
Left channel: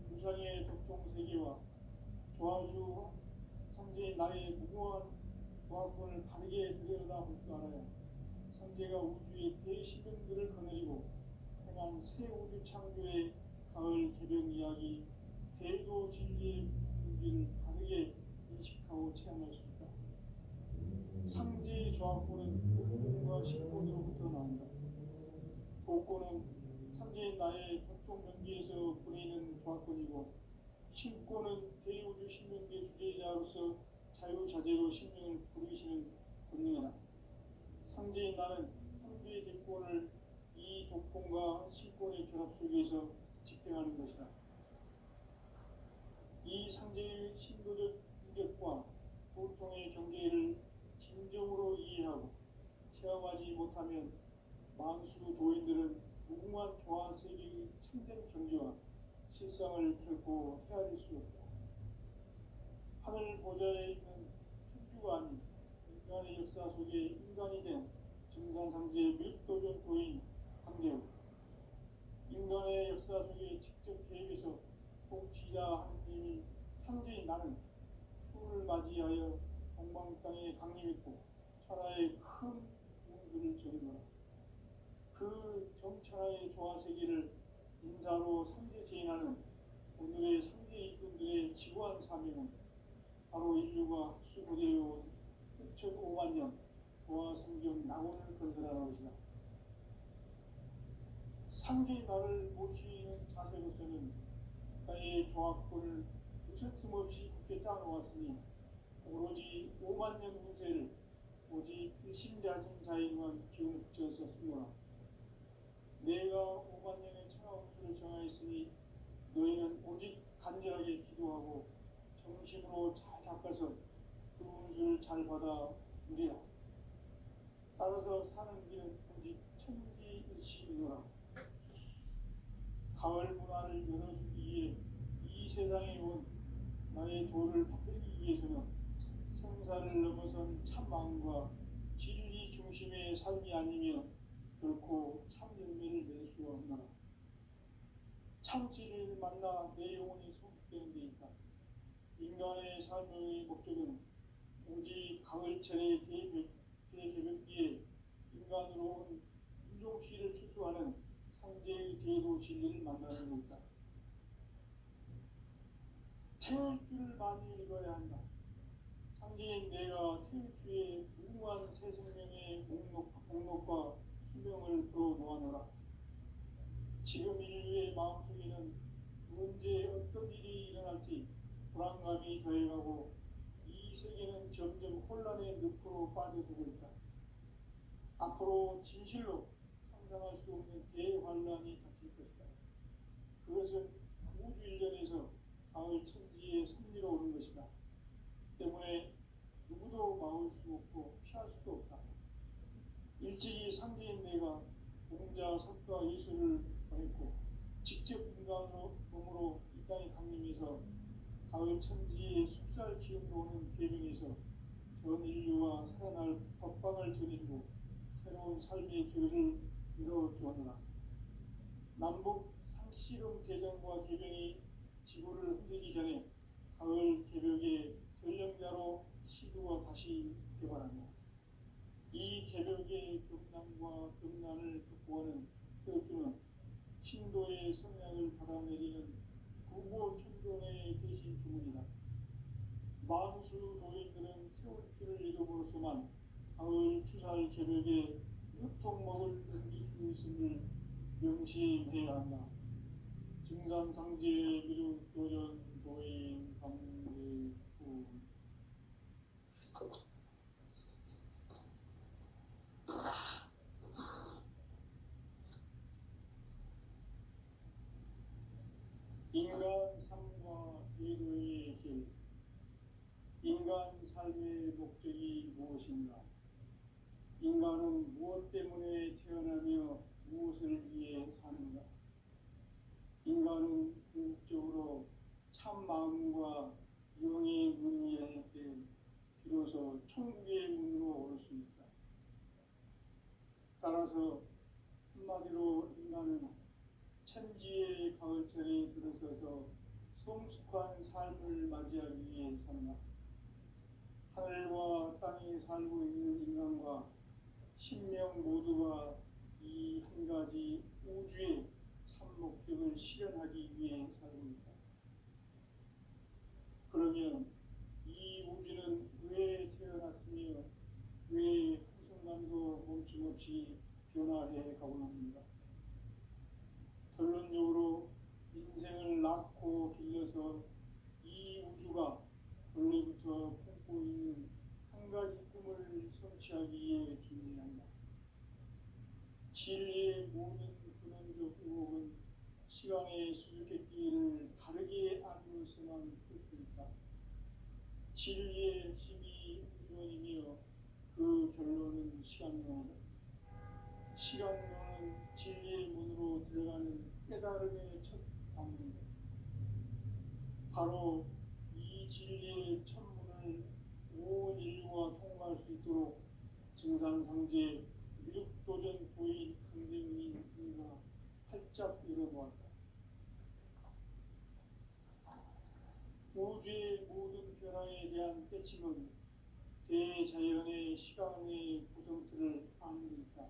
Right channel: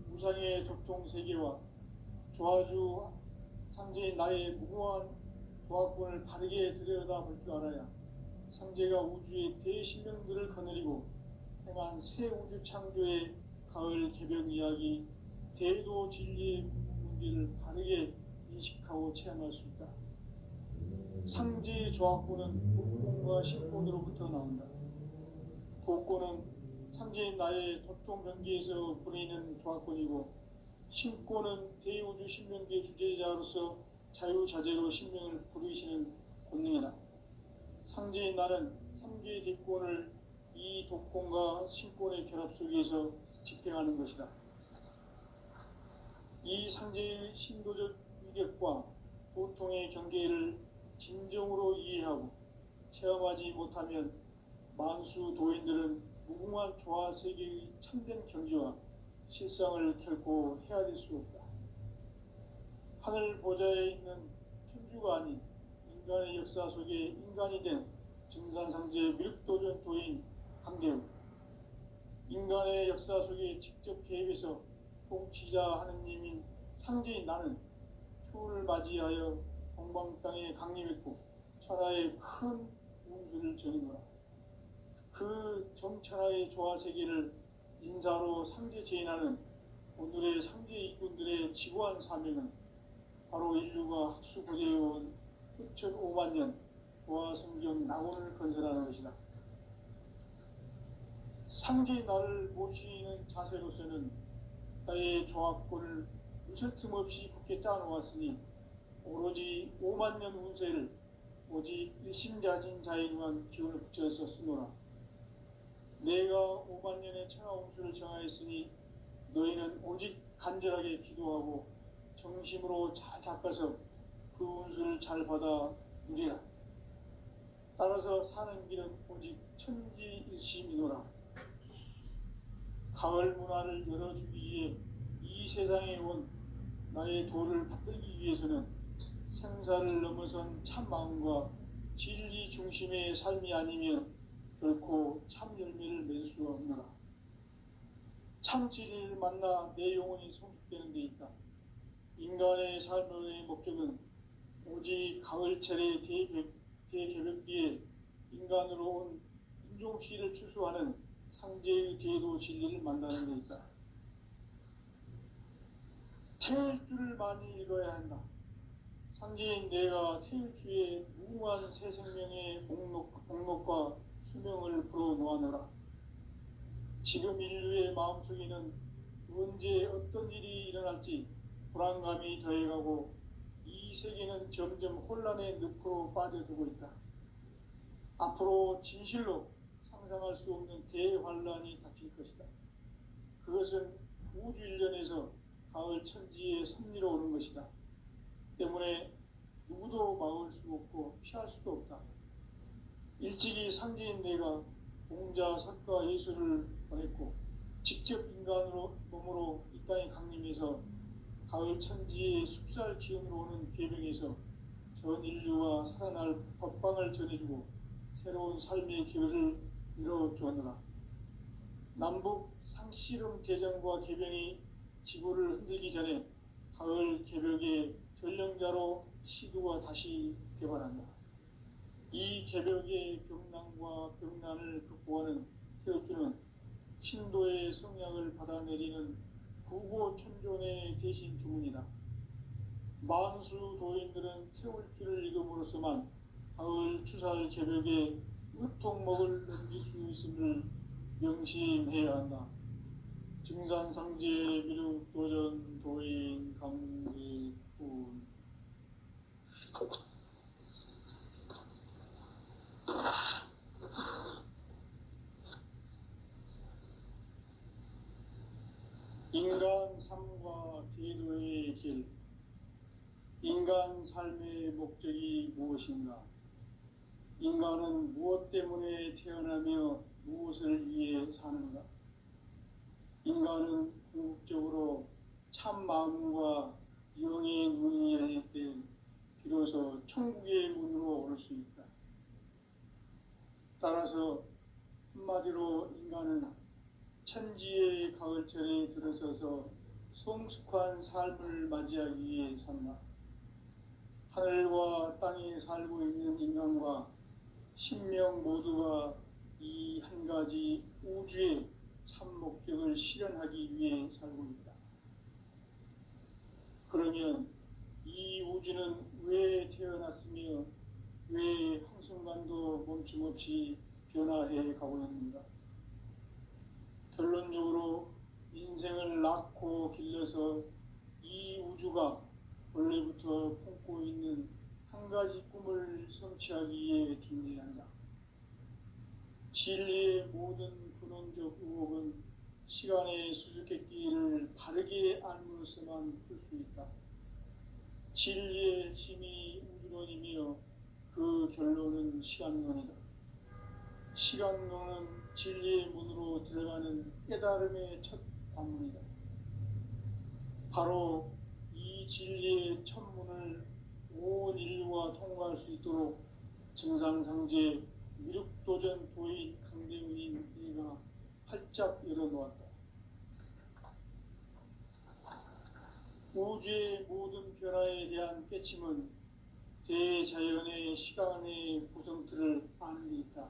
무상의 도통세계와 조화주 상제의 나의 무궁한 조합권을 바르게 들여다볼 줄 알아야 상제가 우주의 대신명들을 거느리고 행한 새 우주 창조의 가을 개벽 이야기, 대도 진리의 문제를 바르게 인식하고 체험할 수 있다. 상제의 조합권은 복권과 신권으로부터 나온다. 복권은 상제인 나의 도통 경계에서 보내는 조합권이고, 신권은 대우주 신명계 주제자로서 자유자재로 신명을 부르시는 권능이다. 상제인 나는 삼계의 뒷권을 이 독권과 신권의 결합 속에서 집행하는 것이다. 이 상제의 신도적 위격과 보통의 경계를 진정으로 이해하고 체험하지 못하면 만수 도인들은 무궁한 조화 세계의 참된 경지와 실상을 결코 헤아릴 수 없다. 하늘 보좌에 있는 천주가 아닌 인간의 역사 속에 인간이 된 증산상제 미륵도전 도인 강대우, 인간의 역사 속에 직접 개입해서 통치자 하느님인 상제인 나는 추운을 맞이하여 동방 땅에 강림했고 천하의 큰 운수를 전했노라. 그 정천하의 조화세계를 인사로 상제 제인하는 오늘의 상제 이군들의 지구한 사명은 바로 인류가 학수고대해온 흑천 5만 년 조화성경 낙원을 건설하는 것이다. 상제의 나를 모시는 자세로서는 나의 조합권을 무슨 틈 없이 굳게 짜놓았으니 오로지 5만 년 운세를 오직 일심자진 자에게만 기운을 붙여서 쓰노라. 내가 5만 년의 천하 운수를 정하였으니 너희는 오직 간절하게 기도하고 정심으로 잘 닦아서 그 운수를 잘 받아 누리라. 따라서 사는 길은 오직 천지일심이노라. 가을 문화를 열어주기 위해 이 세상에 온 나의 도를 받들기 위해서는 생사를 넘어선 참 마음과 진리 중심의 삶이 아니면 결코 참 열매를 맺을 수가 없노라. 참 진리를 만나 내 영혼이 성숙되는 데 있다. 인간의 삶의 목적은 오직 가을철의 대개벽기에 인간으로 온 인종시를 추수하는 상제의 대도 진리를 만나는 데 있다. 태일주를 많이 읽어야 한다. 상제인 내가 태일주의 무궁한 새 생명의 목록과 수명을 불어놓아노라. 지금 인류의 마음속에는 언제 어떤 일이 일어날지 불안감이 더해가고 이 세계는 점점 혼란의 늪으로 빠져들고 있다. 앞으로 진실로 상상할 수 없는 대환란이 닥칠 것이다. 그것은 우주 일련에서 가을 천지의 섭리로 오는 것이다. 때문에 누구도 막을 수 없고 피할 수도 없다. 일찍이 상제인 내가 공자, 석가, 예수를 보냈고 직접 인간으로 몸으로 이 땅에 강림해서 가을 천지의 숲살 기운으로 오는 계명에서 전 인류가 살아날 법방을 전해주고 새로운 삶의 기회를 이뤄주었노라. 남북 상씨름 대전과 개병이 지구를 흔들기 전에 가을 개벽의 전령자로 시도가 다시 개발한다. 이 개벽의 병난과 병난을 극복하는 태극주는 신도의 성향을 받아내리는 구고천존의 대신 주문이다. 만수 도인들은 태울주를 읽음으로써만 가을 추살 개벽의 으통목을 넘길 수 있음을 명심해야 한다. 증산상제 미륵도전 도인 강제군. 인간 삶과 대도의 길. 인간 삶의 목적이 무엇인가? 인간은 무엇 때문에 태어나며 무엇을 위해 사는가? 인간은 궁극적으로 참 마음과 영의 문이 열릴 때 비로소 천국의 문으로 오를 수 있다. 따라서 한마디로 인간은 천지의 가을철에 들어서서 성숙한 삶을 맞이하기 위해 산다. 하늘과 땅에 살고 있는 인간과 신명 모두가 이 한 가지 우주의 참 목적을 실현하기 위해 살고 있다. 그러면 이 우주는 왜 태어났으며 왜 한순간도 멈춤 없이 변화해 가고 있는가? 결론적으로 인생을 낳고 길러서 이 우주가 원래부터 품고 있는 한 가지 꿈을 성취하기 위해 존재한다. 진리의 모든 근원적 의혹은 시간의 수수께끼를 바르게 알므로써만 풀 수 있다. 진리의 핵심이 우주론이며 그 결론은 시간론이다. 시간론은 진리의 문으로 들어가는 깨달음의 첫 관문이다. 바로 이 진리의 첫 문을 온 인류가 통과할 수 있도록 증산상제 미륵도전 도인 강대문인 이가 활짝 열어놓았다. 우주의 모든 변화에 대한 깨침은 대자연의 시간의 구성틀을 아는 데 있다.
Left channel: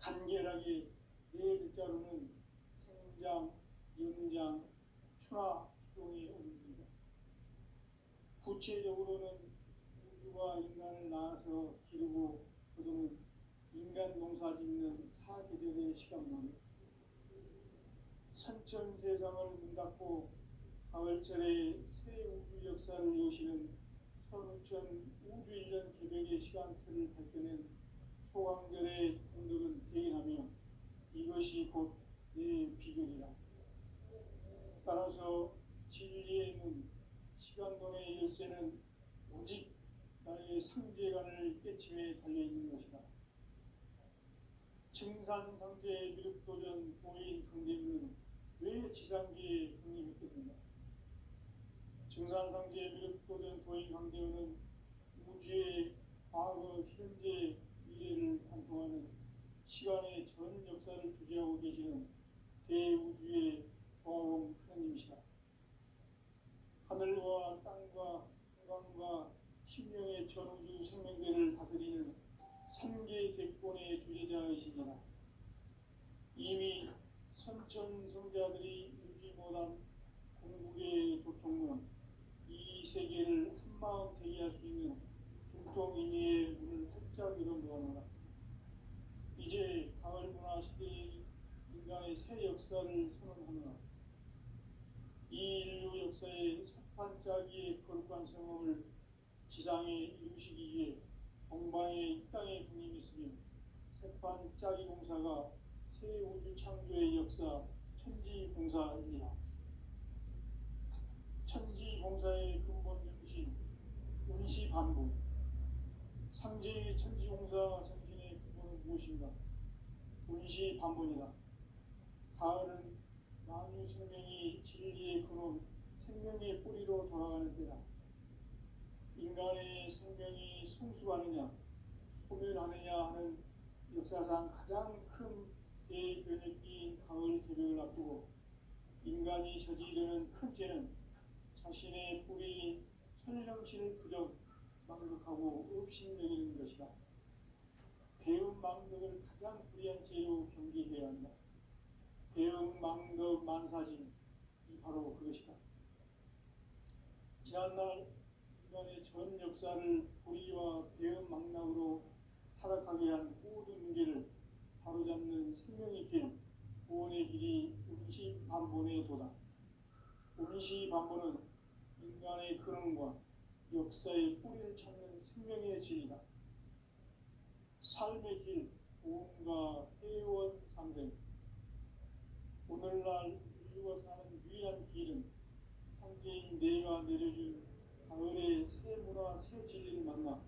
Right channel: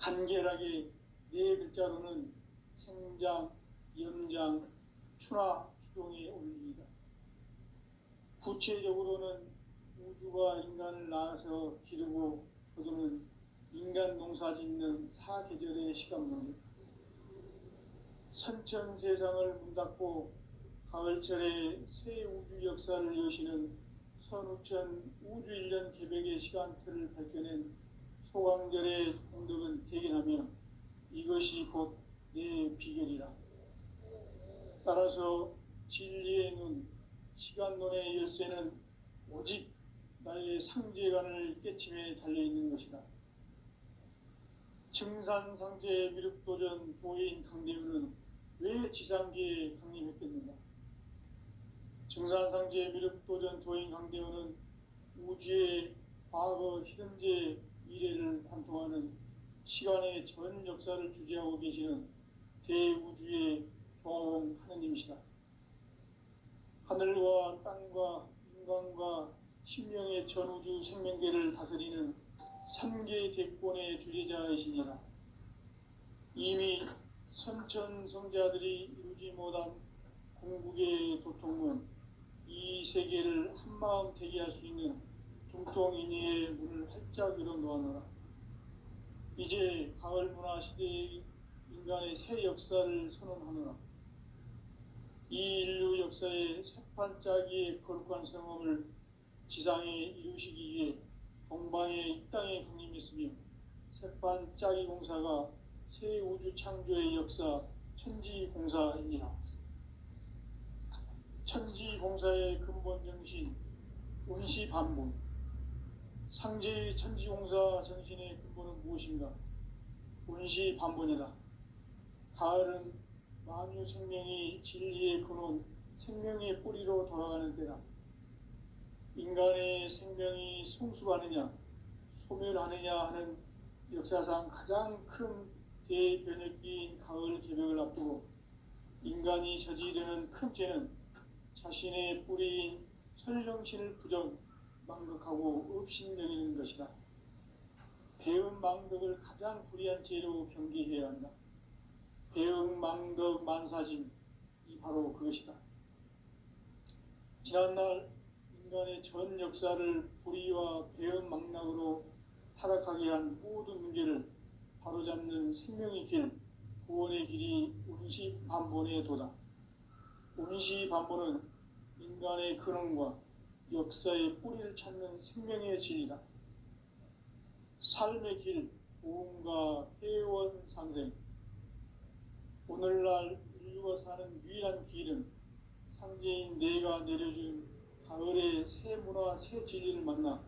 간결하게 네 글자로는 생장, 염장, 추나 추동의 원리이다. 구체적으로는 우주가 인간을 낳아서 기르고 거두는 인간 농사 짓는 사계절의 시간문이다. 선천 세상을 문 닫고 가을철에 새 우주 역사를 여시는 선우천 우주 1년 개백의 시간틀을 밝혀낸 소강절의 공덕은 대견하며 이것이 곧 내 비결이라. 따라서 진리의 눈, 시간론의 열쇠는 오직 나의 상제관을 깨침에 달려있는 것이다. 증산상제 미륵도전 보인 강대문은 왜 지상계에 강림했겠는가? 증산상제 미륵도전 도인 강대문은 우주의 과거, 현재, 미래를 관통하는 시간의 전 역사를 주재하고 계시는 대우주의 종 하느님이시다. 하늘과 땅과 인간과 신명의 전우주 생명계를 다스리는 3개 대권의 주재자이시니라. 이미 선천성자들이 이루지 못한 궁극의 도통은 이 세계를 한마음 되게 할 수 있는 중통인의의 문을 활짝 열어놓았노라. 이제 가을 문화 시대의 인간의 새 역사를 선언하노라. 이 인류 역사의 새판짜기의 거룩한 성험을 지상에 이루시기 위해 동방의 이 땅에 강림했으며 새판짜기 공사가 새 우주 창조의 역사 천지공사입니다. 천지공사의 근본 정신 운시반본. 상제의 천지공사 정신의 근본은 무엇인가? 운시반본이다. 가을은 만유 생명이 진리의 근원, 생명의 뿌리로 돌아가는 때다. 인간의 생명이 성숙하느냐, 소멸하느냐 하는 역사상 가장 큰 대변혁기인 가을 개벽을 앞두고 인간이 저지르는 큰 죄는 자신의 뿌리인 설령신을 부정, 망덕하고 업신여기는 것이다. 배은 망덕을 가장 불의한 죄로 경계해야 한다. 배은 망덕 만사짐이 바로 그것이다. 지난날 인간의 전 역사를 불의와 배은 망락으로 타락하게 한 모든 문제를 바로잡는 생명의 길, 구원의 길이 운시반본의 도다. 운시반본은 인간의 근원과 역사의 뿌리를 찾는 생명의 진리다. 삶의 길, 보험과 회원 상생. 오늘날 인류가 사는 유일한 길은 상제인 내가 내려준 가을의 새 문화, 새 진리를 만나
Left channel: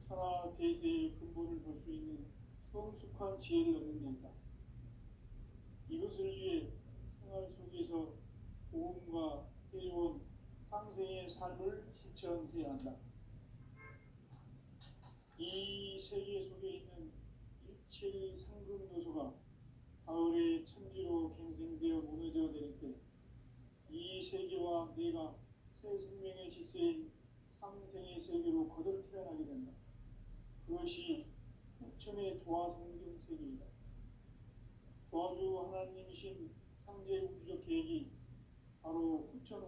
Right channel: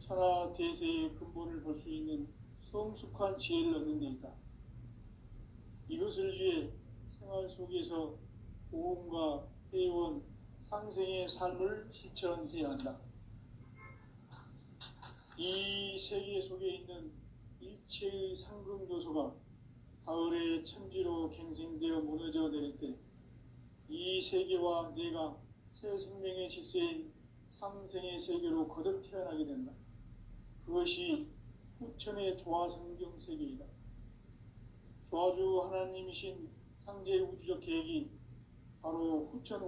천하 대세의 근본을 볼 수 있는 성숙한 지혜를 얻는 데 있다. 이것을 위해 생활 속에서 보험과 회원, 상생의 삶을 실천해야 한다. 이 세계 속에 있는 일체의 상금 요소가 가을의 천지로 갱생되어 무너져 내릴 때 이 세계와 내가 새 생명의 질서인 상생의 세계로 거듭 태어나게 된다. 그것이 후천의 조화성경 세계이다. 조화주 하나님이신 창제 우주적 계획이 바로 후천